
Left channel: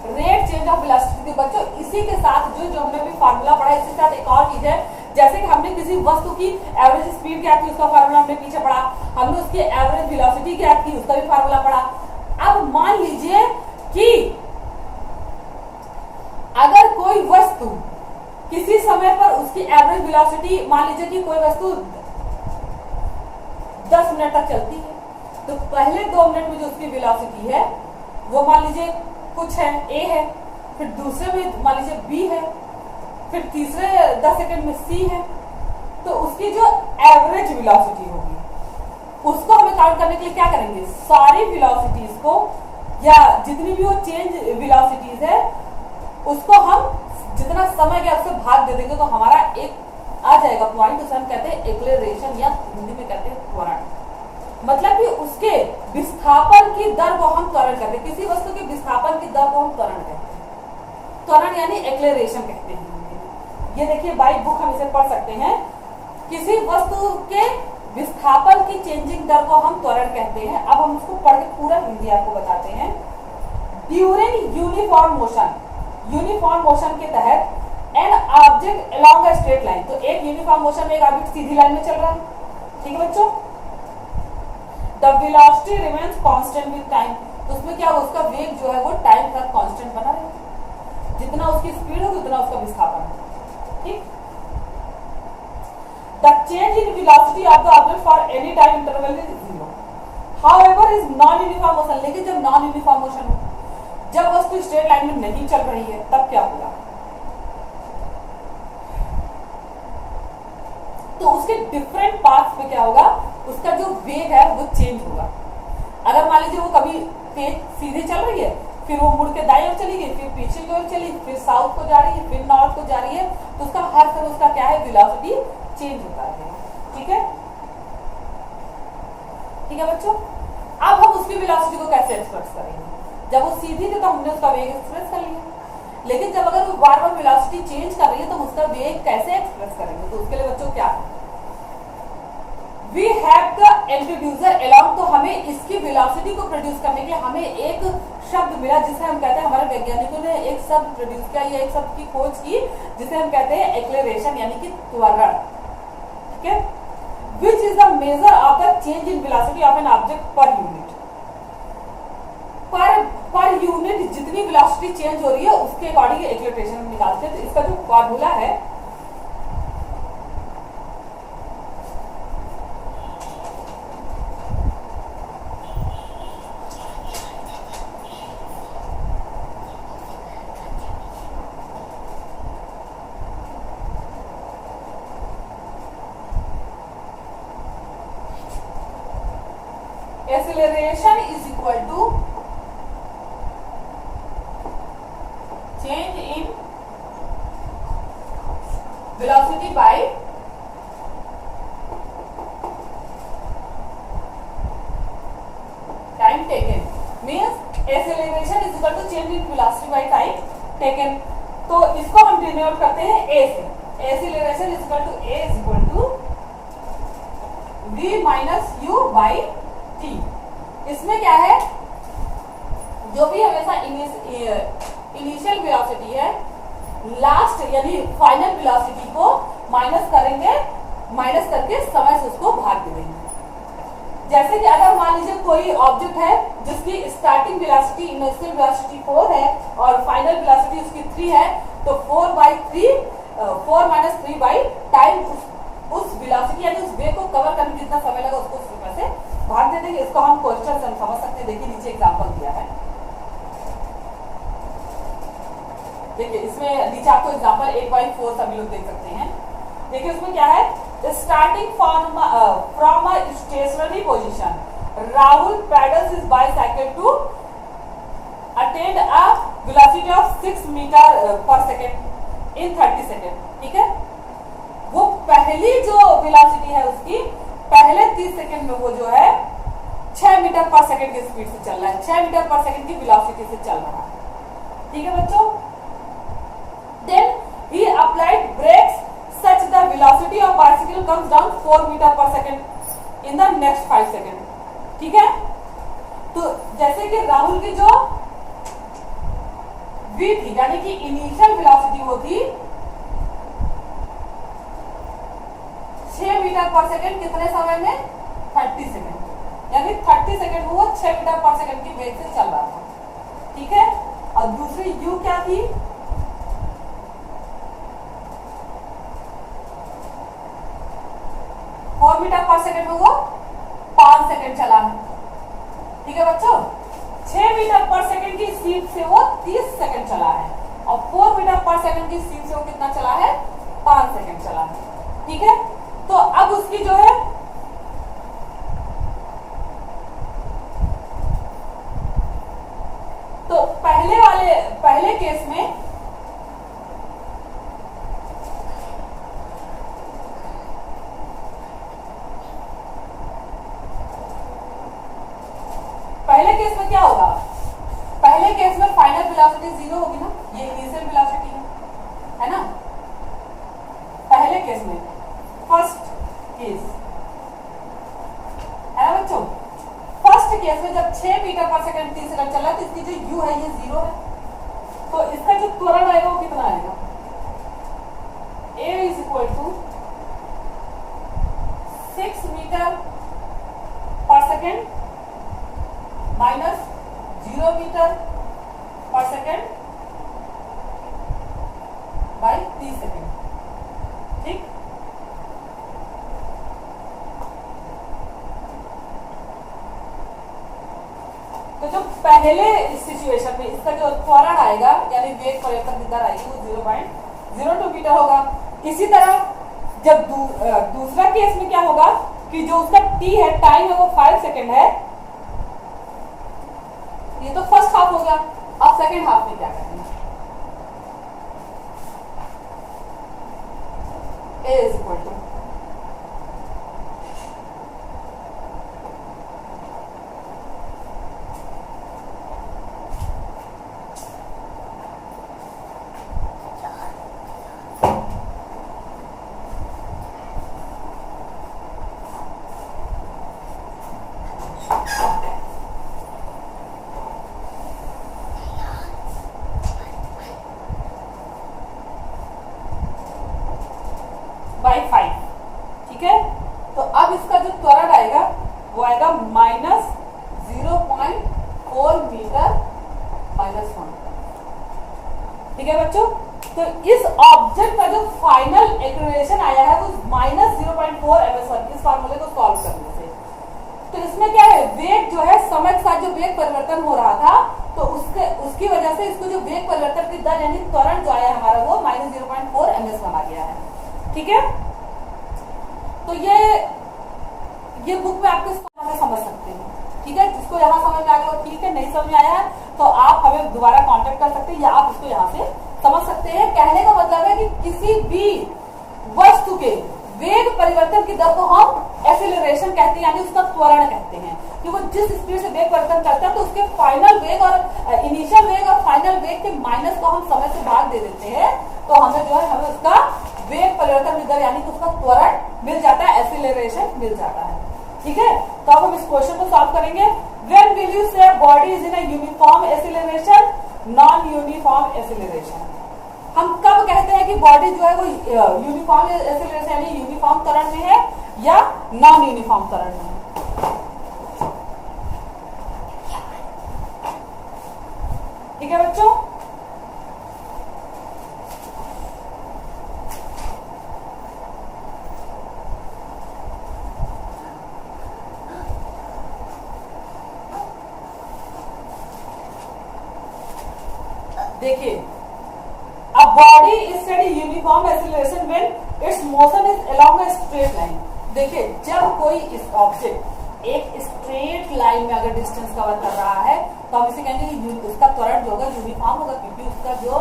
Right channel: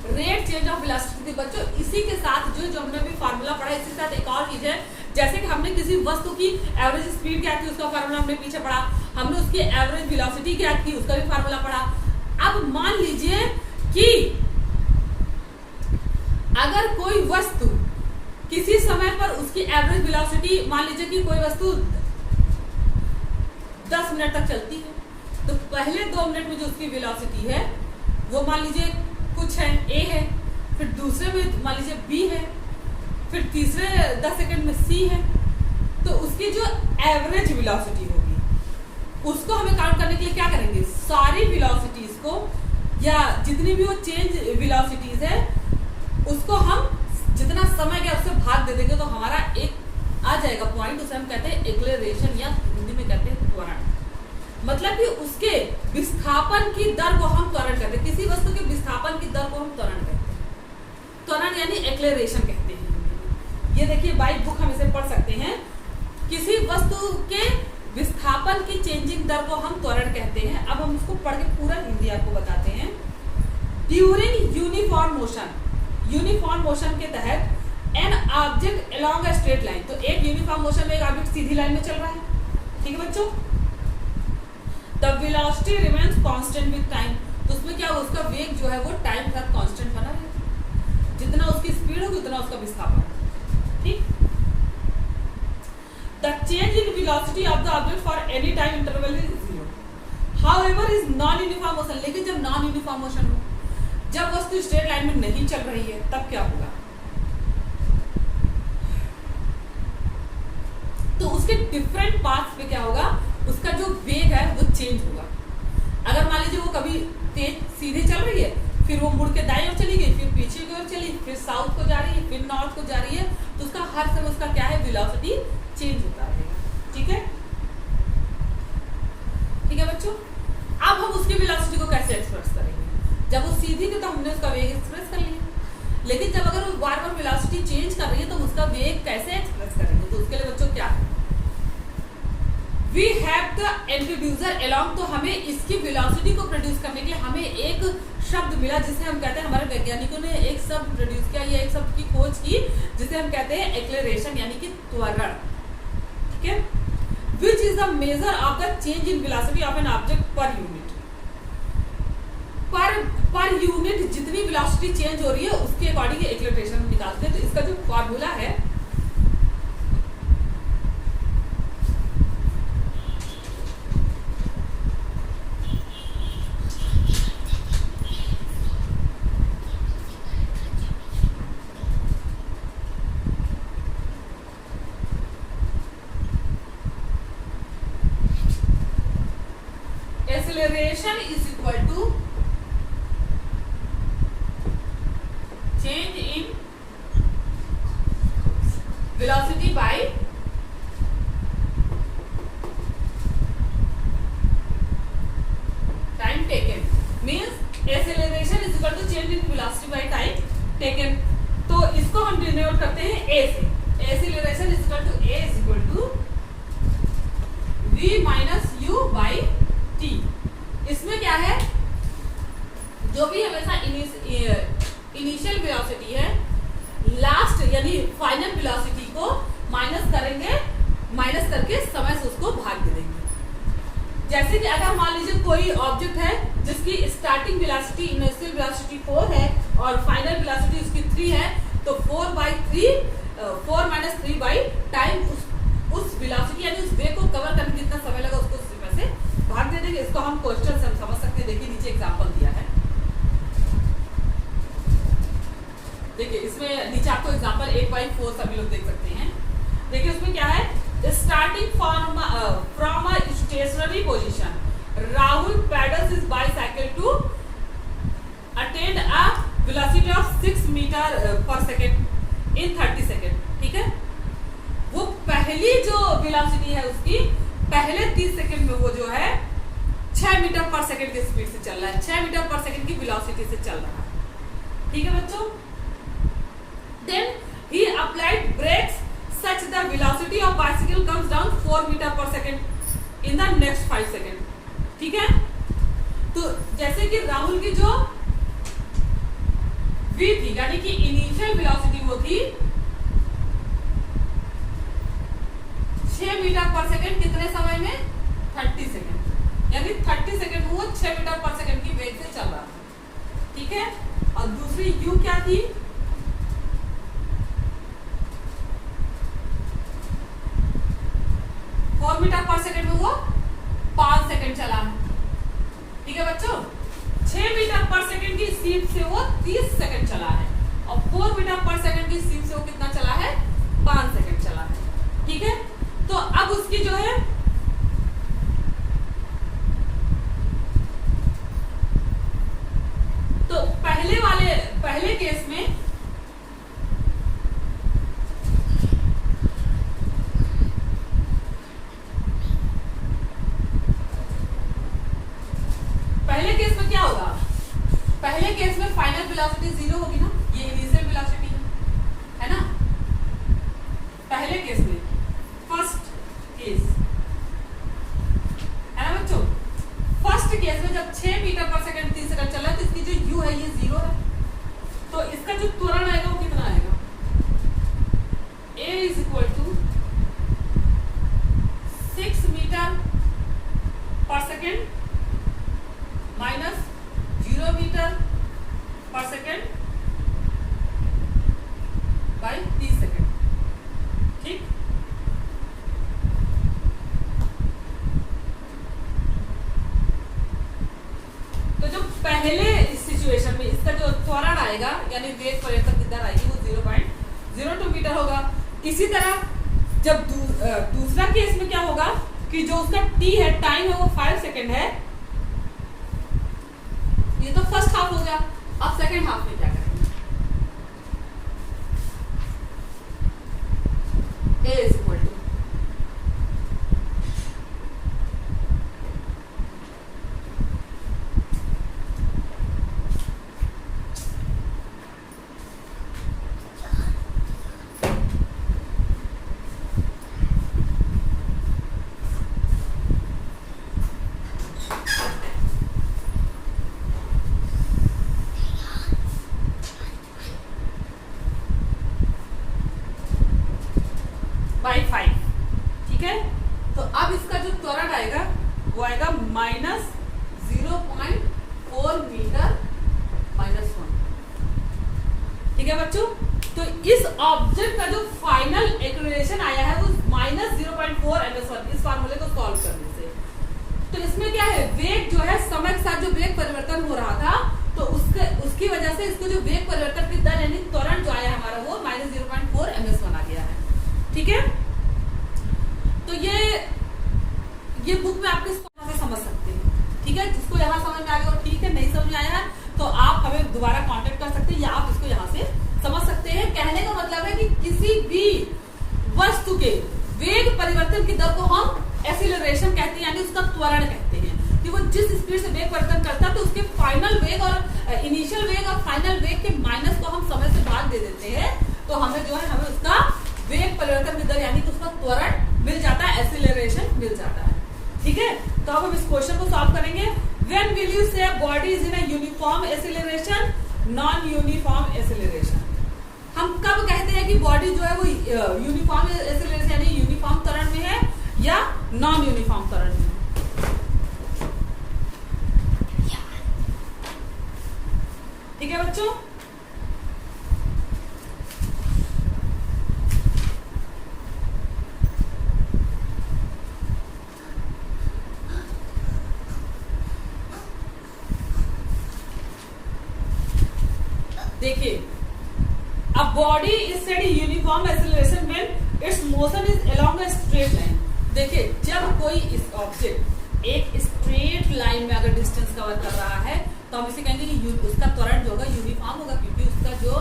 रेट चेंज ऑफ वेलोसिटी। बच्चों इसी के साथ जो हमने अभी फार्मूला पढ़ा, इसी के साथ एक और चीज है, जैसे कि हमने किसी वस्तु की एवरेज स्पीड क्या थी उसका फार्मूला हमने पीछे पढ़ा, हमने उसकी एवरेज वेलोसिटी क्या थी उसका भी फार्मूला पढ़ा। अब मान लीजिए कि अगर कोई वस्तु किसी समय पर उसकी एवरेज वेलोसिटी, मान लीजिए कि कोई वस्तु 10 मिनट तक चलती है, तो पहले 2 मिनट में जो उसकी वेलोसिटी है वो मान लीजिए कुछ है, ए है, फिर दूसरे में मान लीजिए बी है, फिर तीसरे 10 सेकंड में सी है, तो उसकी जो एवरेज वेलोसिटी होगी उसको हमें काउंट करने के लिए क्या करेंगे, सारी वेलोसिटीज को या जितनी भी वो चेंज वेलोसिटीज है उसको हम जितना समय गया उससे भाग दे देंगे, तो हमारा एक आ जाएगा पॉइंट, उसे हम कहते हैं एक्सेलरेशन या हिंदी में कहते हैं त्वरण। मतलब कि उसके विस्थापन की दर को हम त्वरण कहते हैं, किसी वस्तु की विस्थापन की दर को हम त्वरण कहते हैं, त्वरण यानी एक्सेलरेशन कहते हैं। ये देखिए बाई बुक हम इसे पढ़ सकते हैं, किसी वस्तु के विस्थापन की चेंजिंग दर को हम त्वरण कहते हैं। अब हम उसको पढ़ के पूरा हिंदी आपको बताते हैं। During uniform motion, uniform motion के तहत an object along a straight line, तो एक यूनिफॉर्म मोशन में एक ऑब्जेक्ट सीधी लाइन में चल रहा है, ठीक है बच्चों, the velocity remains constant with time, तो उसमें क्या होगा, उसका वेग जो है वो टाइम तक कांस्टेंट बना रहेगा, जितना उसकी स्पीड होगी उतना उसका विस्थापन, ठीक। The change in velocity of the object for any time interval is 0, however is non uniform motion, लेकिन जब नॉन यूनिफॉर्म मोशन हो, जब वस्तु स्ट्रेट लाइन में नहीं चल रही है, तब क्या होगा, तो उसके डिफरेंट पाथ्स पे क्या होगा, उसका जो वेग है वो चेंज होगा। अगर मान लीजिए वो कभी तेज सीधे चल रही है, फिर वो मुड़ के दाएं ओर चली गई, फिर पीछे की ओर चली, फिर साउथ को जा रही है, फिर नॉर्थ को जा रही है, तो उसका हर समय उसका क्या है, वेलोसिटी चेंज होता है, ठीक है, ठीक है बच्चों। अब हम उसकी वेलोसिटी को कैसे एक्सप्रेस करेंगे, जब वो सीधी थी तो हमने उसका वेग एक्सप्रेस कर लिया, लेकिन जब अगर वो बार बार वेलोसिटी चेंज कर रही है तो उसका वेग कैसे एक्सप्रेस करेंगे, तो उसके लिए बच्चों क्या है, we have the introducer along, तो हमें इसकी वेलोसिटी को प्रोड्यूस करने के लिए हमें एक शब्द मिला, जिसे हम कहते हैं, हमारे वैज्ञानिकों ने एक शब्द प्रोड्यूस किया, या एक शब्द की खोज की, जिसे हम कहते हैं एक्सेलरेशन यानी कि त्वरण, ठीक है, which is the measure of the change in velocity of an object per unit, per unit जितनी वेलोसिटी चेंज हो रही है उसके अकॉर्डिंग एक्सेलरेशन निकालते हैं। तो इसका जो फॉर्मूला है acceleration is equal to change in velocity by time taken, means acceleration is equal to change in velocity by time taken। तो इसको हम डिनोट करते हैं a से, acceleration is equal to a is equal to v minus u by t। इसमें क्या है, जो भी हमेशा इनिशियल वेलोसिटी है, लास्ट यानी फाइनल वेलोसिटी को माइनस करेंगे, माइनस करके समय से उसको भाग दे देंगे। जैसे कि अगर मान लीजिए कोई ऑब्जेक्ट है जिसकी स्टार्टिंग वेलोसिटी इनिशियल वेलोसिटी 4 है और फाइनल वेलोसिटी उसकी 3 है, तो 4 माइनस 3 बाई टाइम उस वेलोसिटी यानी उस वेग को कवर करने में जितना समय लगा उसको समय से भाग दे देंगे। इसको हम क्वेश्चन से समझ सकते हैं, देखिए नीचे एग्जाम्पल दिया है, देखिए इसमें नीचे आपको एग्जांपल 1/4 सभी लोग देख सकते हैं। देखिए उसमें क्या है, starting from a stationary position, Rahul pedals his bicycle to attain a velocity of 6 metre पर सेकेंड इन 30 सेकेंड, ठीक है। वो पहली जो वेलोसिटी है उसकी पहले 30 सेकेंड में वो जो है 6 मीटर पर सेकेंड की स्पीड से चल रहा है, 6 मीटर पर सेकेंड की वेलोसिटी से चल रहा है, ठीक है बच्चों। Then he applied brakes such the velocity of bicycle comes down 4 meter per second in the next 5 second, ठीक है। तो जैसे कि राहुल की जो v थी यानी कि इनिशियल वेलोसिटी वो थी 6 मीटर पर सेकेंड, कितने समय में 30 सेकेंड, यानी 30 सेकेंड में वो 6 मीटर पर सेकेंड की वेग से चल रहा था, ठीक है। और दूसरी u क्या थी, 4 मीटर पर सेकंड में वो 5 सेकंड चला है। ठीक है बच्चों, 6 मीटर पर सेकंड की स्पीड से वो 30 सेकंड चला है और 4 मीटर पर सेकंड की स्पीड से वो कितना चला है, 5 सेकंड चला है। ठीक है, तो अब उसकी जो है तो पहले केस में क्या होगा, पहले केस में फाइनल वेलोसिटी 0 होगी ना, ये इनिशियल वेलोसिटी है ना। पहले केस में, फर्स्ट केस है ना बच्चों, फर्स्ट केस में जब 6 मीटर पर सेकंड 30 सेकंड चला तो इसकी जो u है ये 0 है, तो इसका जो त्वरण आएगा वो कितना आएगा, a is equal to 6 metre पर सेकंड माइनस 0 मीटर पर सेकंड बाई 30 सेकंड। ठीक, तो जो पहले सिचुएशन में इसका जो त्वरण आएगा यानी वेग परिवर्तन की दर आएगी वो 0.02 मीटर होगा। इसी तरह जब दूसरा केस में क्या होगा कि जो उसका t है, टाइम है वो 5 सेकंड है। ये तो फर्स्ट हाफ हो गया, अब सेकंड हाफ में क्या करेंगे, a is equal two by 5। ठीक है, तो अब इसका जो त्वरण आएगा वो आएगा माइनस 0.4 मीटर माइनस 1। ठीक है बच्चों, तो इस ऑब्जेक्ट का जो फाइनल एक्सेलरेशन आया है वो माइनस 0.4 ms1 इस फार्मूले को सॉल्व करने से। तो इसमें क्या है, वेग जो है समय के साथ जो वेग परिवर्तन हो रहा था तो उसकी वजह से इसको जो वेग परिवर्तन की दर यानी त्वरण जो आया हमारा वो माइनस 0.4 ms1 आ गया है। ठीक है, तो ये बुक में आप किस तरह से समझ सकते हैं। ठीक है, जिसको यहाँ समझ में आ गया वो ठीक है, नहीं समझ में आया है तो आप हमें दोबारा कांटेक्ट कर सकते हैं या आप इसको यहाँ से समझ सकते हैं। कहने का मतलब है कि किसी भी वस्तु के वेग परिवर्तन की दर को हम एक्सीलरेशन कहते हैं यानी उसका त्वरण कहते हैं कि वो जिस स्पीड से वेग परिवर्तन करता है तो उसके फाइनल वेग और इनिशियल वेग और फाइनल वेग के माइनस को हम समय से भाग दे देते हैं तो हमें जो है हमें उसका वेग परिवर्तन की दर यानी कि उसका त्वरण मिल जाता है, एक्सीलरेशन मिल जाता है। ठीक है, तो अब हम इस क्वेश्चन को सॉल्व करेंगे। व्हेन विल यू से body is in a uniform acceleration, non uniform acceleration. हम कब कहते हैं कि बॉडी जो है वो यूनिफॉर्म एक्सीलरेशन यानी यूनिफॉर्म त्वरण में है या नॉन यूनिफॉर्म त्वरण में है। ठीक है बच्चों, देखिए, a body is steady uniform acceleration when its motion is along a straight line। देखिए, जब कोई इस ऑब्जेक्ट एक स्ट्रेट लाइन में अगर डिस्टेंस कवर कर रहा है तो हम इसे कहेंगे कि उसका त्वरण जो होगा यूनिफॉर्म होगा क्योंकि उसका जो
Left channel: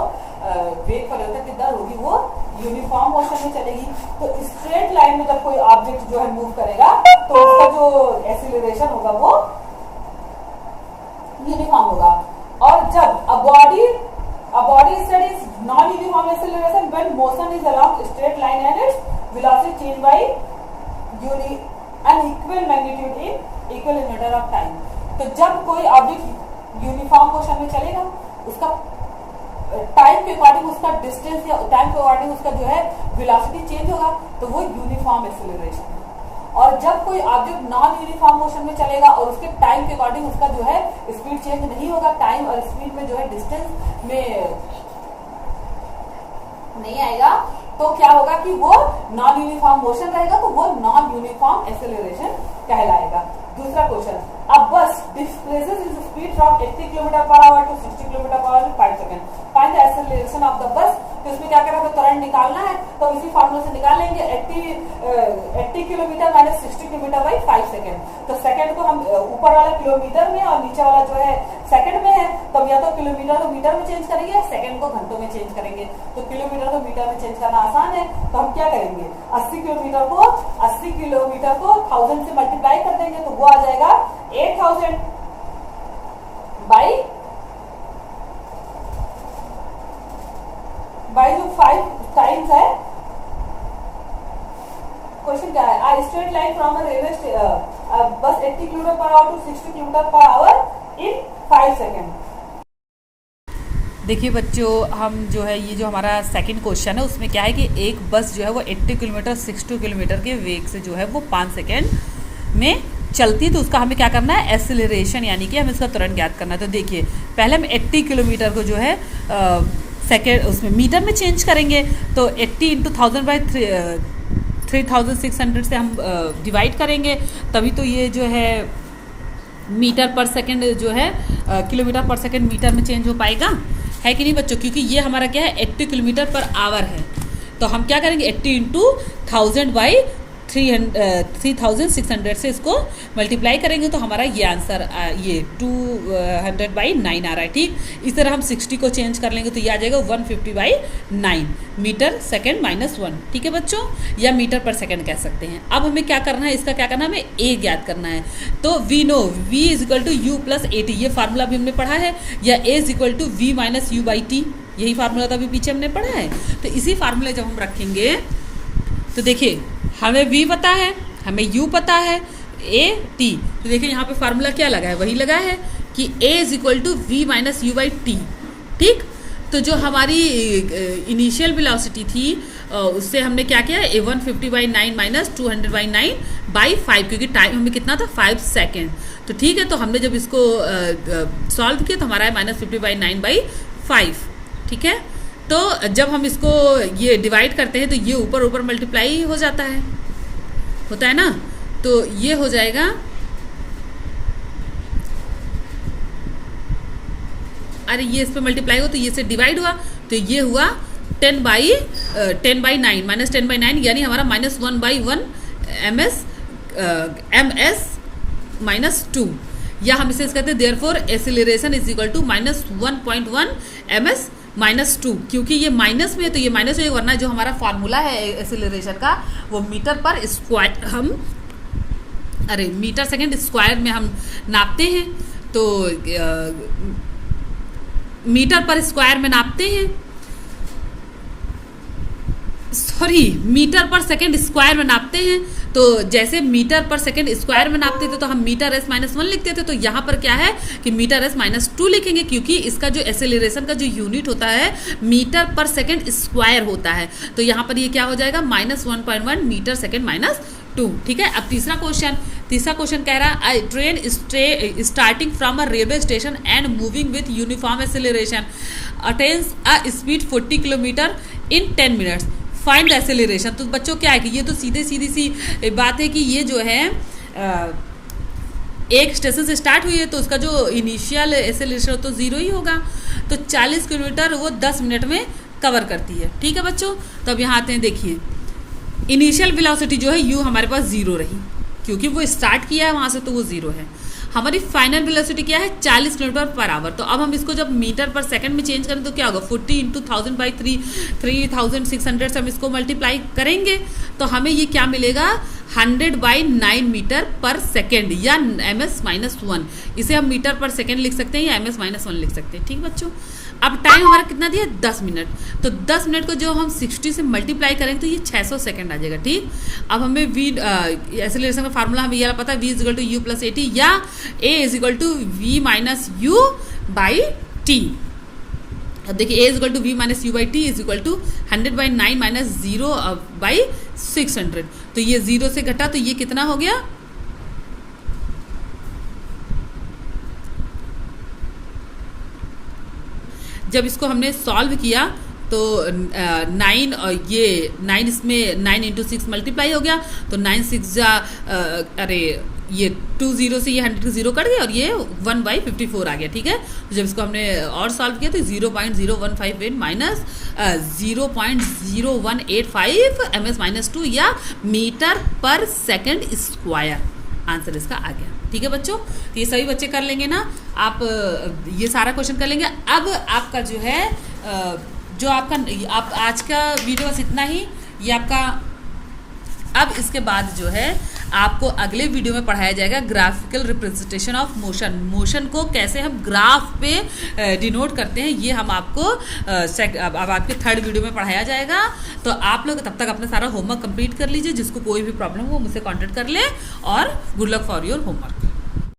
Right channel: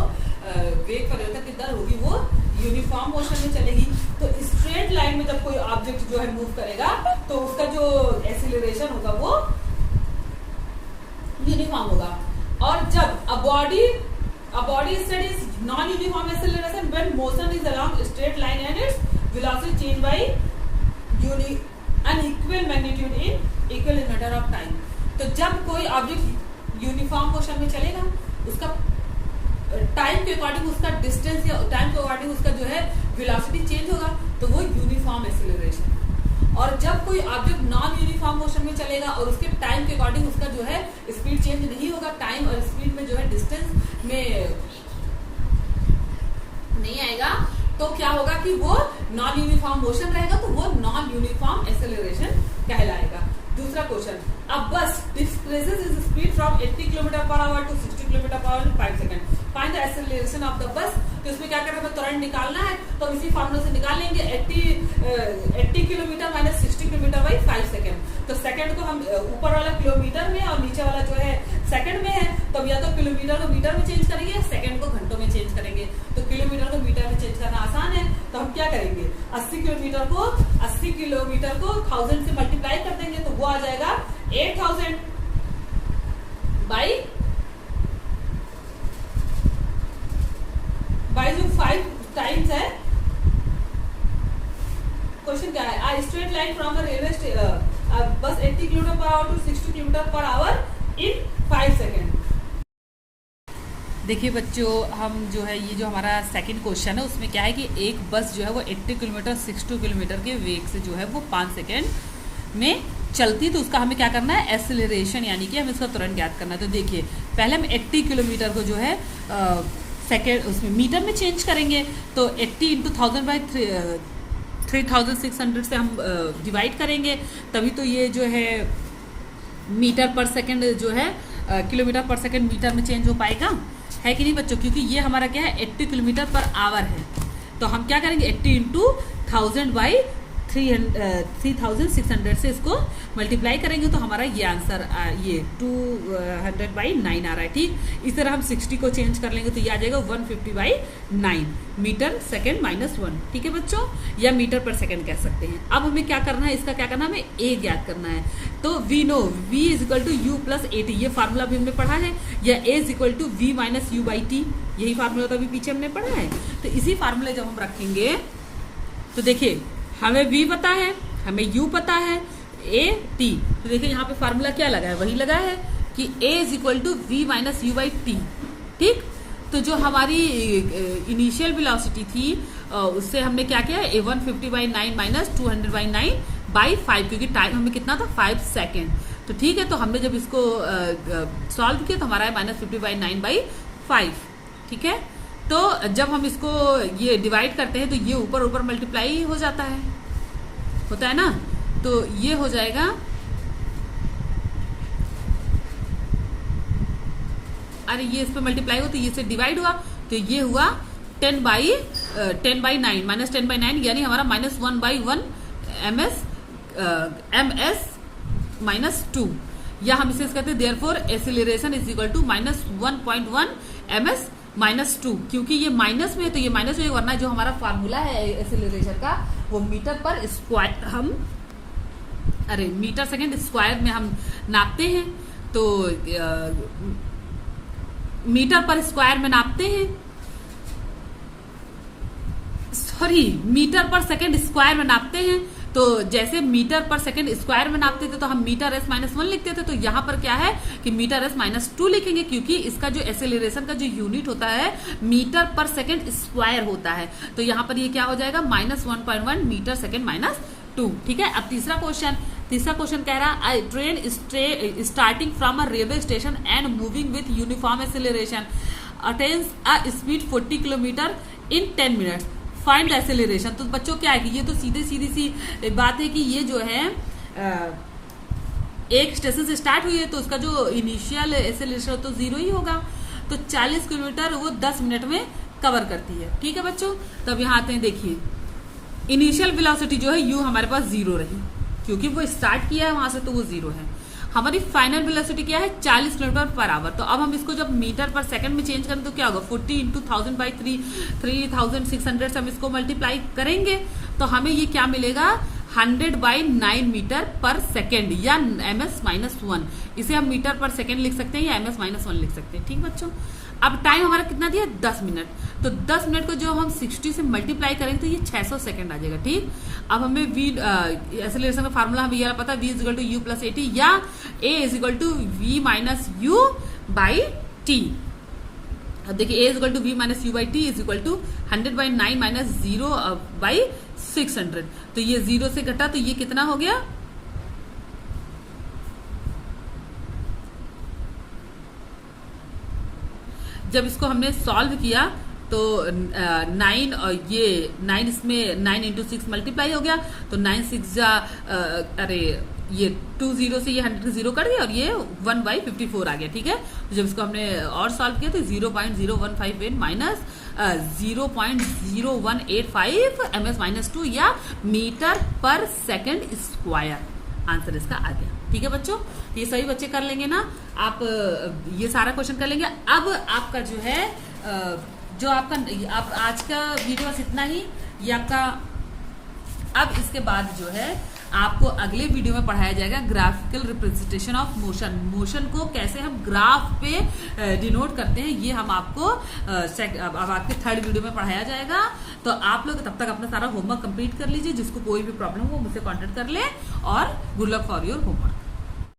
वेग परिवर्तन की दर होगी वो यूनिफॉर्म मोशन में चलेगी। तो स्ट्रेट लाइन में जब कोई ऑब्जेक्ट जो है मूव करेगा तो उसका जो एक्सीलरेशन होगा वो यूनिफॉर्म होगा। और जब a body studies non-uniform acceleration when motion is along straight line and its velocity change by unequal magnitude in equal matter of time। तो जब कोई ऑब्जेक्ट यूनिफॉर्म मोशन में चलेगा उसका टाइम के अकॉर्डिंग उसका डिस्टेंस या टाइम के अकॉर्डिंग उसका जो है वेलोसिटी चेंज होगा तो वो यूनिफॉर्म एक्सीलरेशन। और जब कोई ऑब्जेक्ट नॉन यूनिफॉर्म मोशन में चलेगा और उसके टाइम के अकॉर्डिंग उसका जो है स्पीड चेंज नहीं होगा, टाइम और स्पीड में जो है डिस्टेंस में नहीं आएगा तो क्या होगा कि वो नॉन यूनिफॉर्म मोशन रहेगा, तो वो नॉन यूनिफॉर्म एक्सेलरेशन कहलाएगा। दूसरा question, a bus displaces its speed from 80 kilometre पर आवर टू 60 किलोमीटर पर hour in 5 second, find the acceleration of the bus. तो इसमें क्या करना है, तुरंत निकालना है, तो इसी फॉर्मूला से निकाल लेंगे 80 kilometre minus 60 kilometre by 5 second. तो सेकंड को हम ऊपर वाला किलोमीटर में और नीचे वाला जो है सेकंड में है, तो या तो किलोमीटर को मीटर में चेंज करेंगे, सेकंड को घंटों में चेंज करेंगे। तो किलोमीटर को मीटर में चेंज करना आसान है, तो हम क्या करेंगे, 80 किलोमीटर को 1000 से मल्टीप्लाई कर देंगे, तो वो आ जाएगा 8000 बाई जो 5 टाइम्स है। क्वेश्चन क्या है, a straight line from a railway बस 80 किलोमीटर पर आवर टू 60 किलोमीटर पर आवर इन 5 सेकंड। देखिए बच्चों, हम जो है ये जो हमारा सेकंड क्वेश्चन है उसमें क्या है कि एक बस जो है वो 80 किलोमीटर 60 किलोमीटर के वेग से जो है वो 5 सेकंड में चलती है, तो उसका हमें क्या करना है, एक्सेलरेशन, यानी कि हमें इसका तुरंत ज्ञात करना है। तो देखिए पहले हम 80 किलोमीटर को जो है सेकेंड उसमें मीटर में चेंज करेंगे, तो 80 इंटू 1000 बाई 3600 से हम डिवाइड करेंगे, तभी तो ये जो है मीटर पर सेकंड जो है किलोमीटर पर सेकंड मीटर में चेंज हो पाएगा, है कि नहीं बच्चों, क्योंकि ये हमारा क्या है 80 किलोमीटर पर आवर है। तो हम क्या करेंगे 80 इंटू 1000 बाई 3600 से इसको मल्टीप्लाई करेंगे, तो हमारा ये आंसर ये 200 बाई 9 आ रहा है। ठीक, इस तरह हम 60 को चेंज कर लेंगे तो ये आ जाएगा 150 बाई 9 मीटर सेकेंड माइनस 1। ठीक है बच्चों, या मीटर पर सेकेंड कह सकते हैं। अब हमें क्या करना है, इसका क्या करना है, हमें ए ज्ञात करना है। तो we know v is equal to u plus a t, ये फार्मूला भी हमने पढ़ा है, या a is equal to we minus you by t, यही फार्मूला था अभी पीछे हमने पढ़ा है। तो इसी फार्मूले जब हम रखेंगे तो देखिए हमें v पता है, हमें u पता है, a t, तो देखिए यहाँ पे फार्मूला क्या लगा है, वही लगा है कि a is equal to we minus you by t. ठीक, तो जो हमारी इनिशियल वेलोसिटी थी उससे हमने क्या किया, 150 बाई 9 माइनस 200 बाई 9 बाई 5, क्योंकि टाइम हमें कितना था 5 सेकेंड। तो ठीक है, तो हमने जब इसको सॉल्व किया तो हमारा है माइनस 50 बाई 9 बाई 5। ठीक है, तो जब हम इसको ये डिवाइड करते हैं तो ये ऊपर ऊपर मल्टीप्लाई हो जाता है, होता है ना, तो ये हो जाएगा अरे ये इस पे मल्टीप्लाई हो तो ये से डिवाइड हुआ, तो ये हुआ 10 बाई 9 माइनस 10 बाई 9, यानी हमारा माइनस 1 बाई 1 एमएस माइनस 2, या हम इसे कहते हैं therefore acceleration is equal to minus 1.1 m s minus 2, क्योंकि ये माइनस में है तो ये माइनस में, वरना जो हमारा फार्मूला है एक्सेलरेशन का वो मीटर पर स्क्वायर हम मीटर सेकेंड स्क्वायर में हम नापते हैं, तो मीटर पर स्क्वायर में नापते हैं, सॉरी मीटर पर सेकेंड स्क्वायर में नापते हैं। तो जैसे मीटर पर सेकेंड स्क्वायर में नापते थे तो हम मीटर एस माइनस 1 लिखते थे, तो यहाँ पर क्या है कि मीटर एस माइनस 2 लिखेंगे, क्योंकि इसका जो एक्सेलरेशन का जो यूनिट होता है मीटर पर सेकेंड स्क्वायर होता है। तो यहाँ पर ये क्या हो जाएगा, माइनस 1.1 मीटर सेकेंड माइनस 2। ठीक है, अब तीसरा क्वेश्चन कह रहा है train starting from a railway station and moving with uniform acceleration attains a speed 40 kilometre in 10 minutes, find acceleration. तो बच्चों क्या है कि ये तो सीधी सी बात है कि ये जो है एक स्टेशन से स्टार्ट हुई है तो उसका जो इनिशियल एक्सेलरेशन तो 0 ही होगा, तो 40 किलोमीटर वो 10 मिनट में कवर करती है। ठीक है बच्चों, तो अब यहाँ आते हैं, देखिए इनिशियल वेलोसिटी जो है u हमारे पास 0 रही, क्योंकि वो स्टार्ट किया है वहाँ से तो वो 0 है। हमारी फाइनल वेलोसिटी क्या है, 40 किलोमीटर पर आवर। तो अब हम इसको जब मीटर पर सेकंड में चेंज करें तो क्या होगा, 40 इंटू 1000 बाई 3600 से हम इसको मल्टीप्लाई करेंगे तो हमें ये क्या मिलेगा, 100 बाई 9 मीटर पर सेकेंड, या एमएस माइनस 1, इसे हम मीटर पर सेकेंड लिख सकते हैं या एमएस माइनस 1 लिख सकते हैं। ठीक बच्चों, अब टाइम हमारा कितना दिया, 10 मिनट, तो 10 मिनट को जो हम 60 से मल्टीप्लाई करेंगे तो ये 600 सेकंड आ जाएगा। ठीक, अब हमें वी एक्सेलरेशन का फार्मूला हमें यह पता है, v is equal to u plus a t, या a is equal to we minus you by t. Is देखिए a is equal to we minus you by टी इज इक्वल टू 100 बाई 9 माइनस 0 बाई 600, तो ये 0 से घटा तो ये कितना हो गया, जब इसको हमने सॉल्व किया तो 9 और ये 9 इसमें 9 इंटू 6 मल्टीप्लाई हो गया, तो 9 6 जा अरे ये 2 0 से ये 100 का 0 कट गया और ये 1/54 आ गया, ठीक है। जब इसको हमने और सॉल्व किया तो 0.0158 माइनस 0.0185 ms-2 या मीटर पर सेकंड स्क्वायर, आंसर इसका आ गया, ठीक है बच्चों। ये सभी बच्चे कर लेंगे ना, आप ये सारा क्वेश्चन कर लेंगे। अब आपका जो है जो आपका आप आज का वीडियो बस इतना ही, ये आपका। अब इसके बाद जो है आपको अगले वीडियो में पढ़ाया जाएगा graphical representation of motion. Motion को कैसे हम ग्राफ पे डिनोट करते हैं, ये हम आपको अब आपके थर्ड वीडियो में पढ़ाया जाएगा। तो आप लोग तब तक अपना सारा होमवर्क कंप्लीट कर लीजिए। जिसको कोई भी प्रॉब्लम हो मुझसे कांटेक्ट कर ले, और good luck for your homework.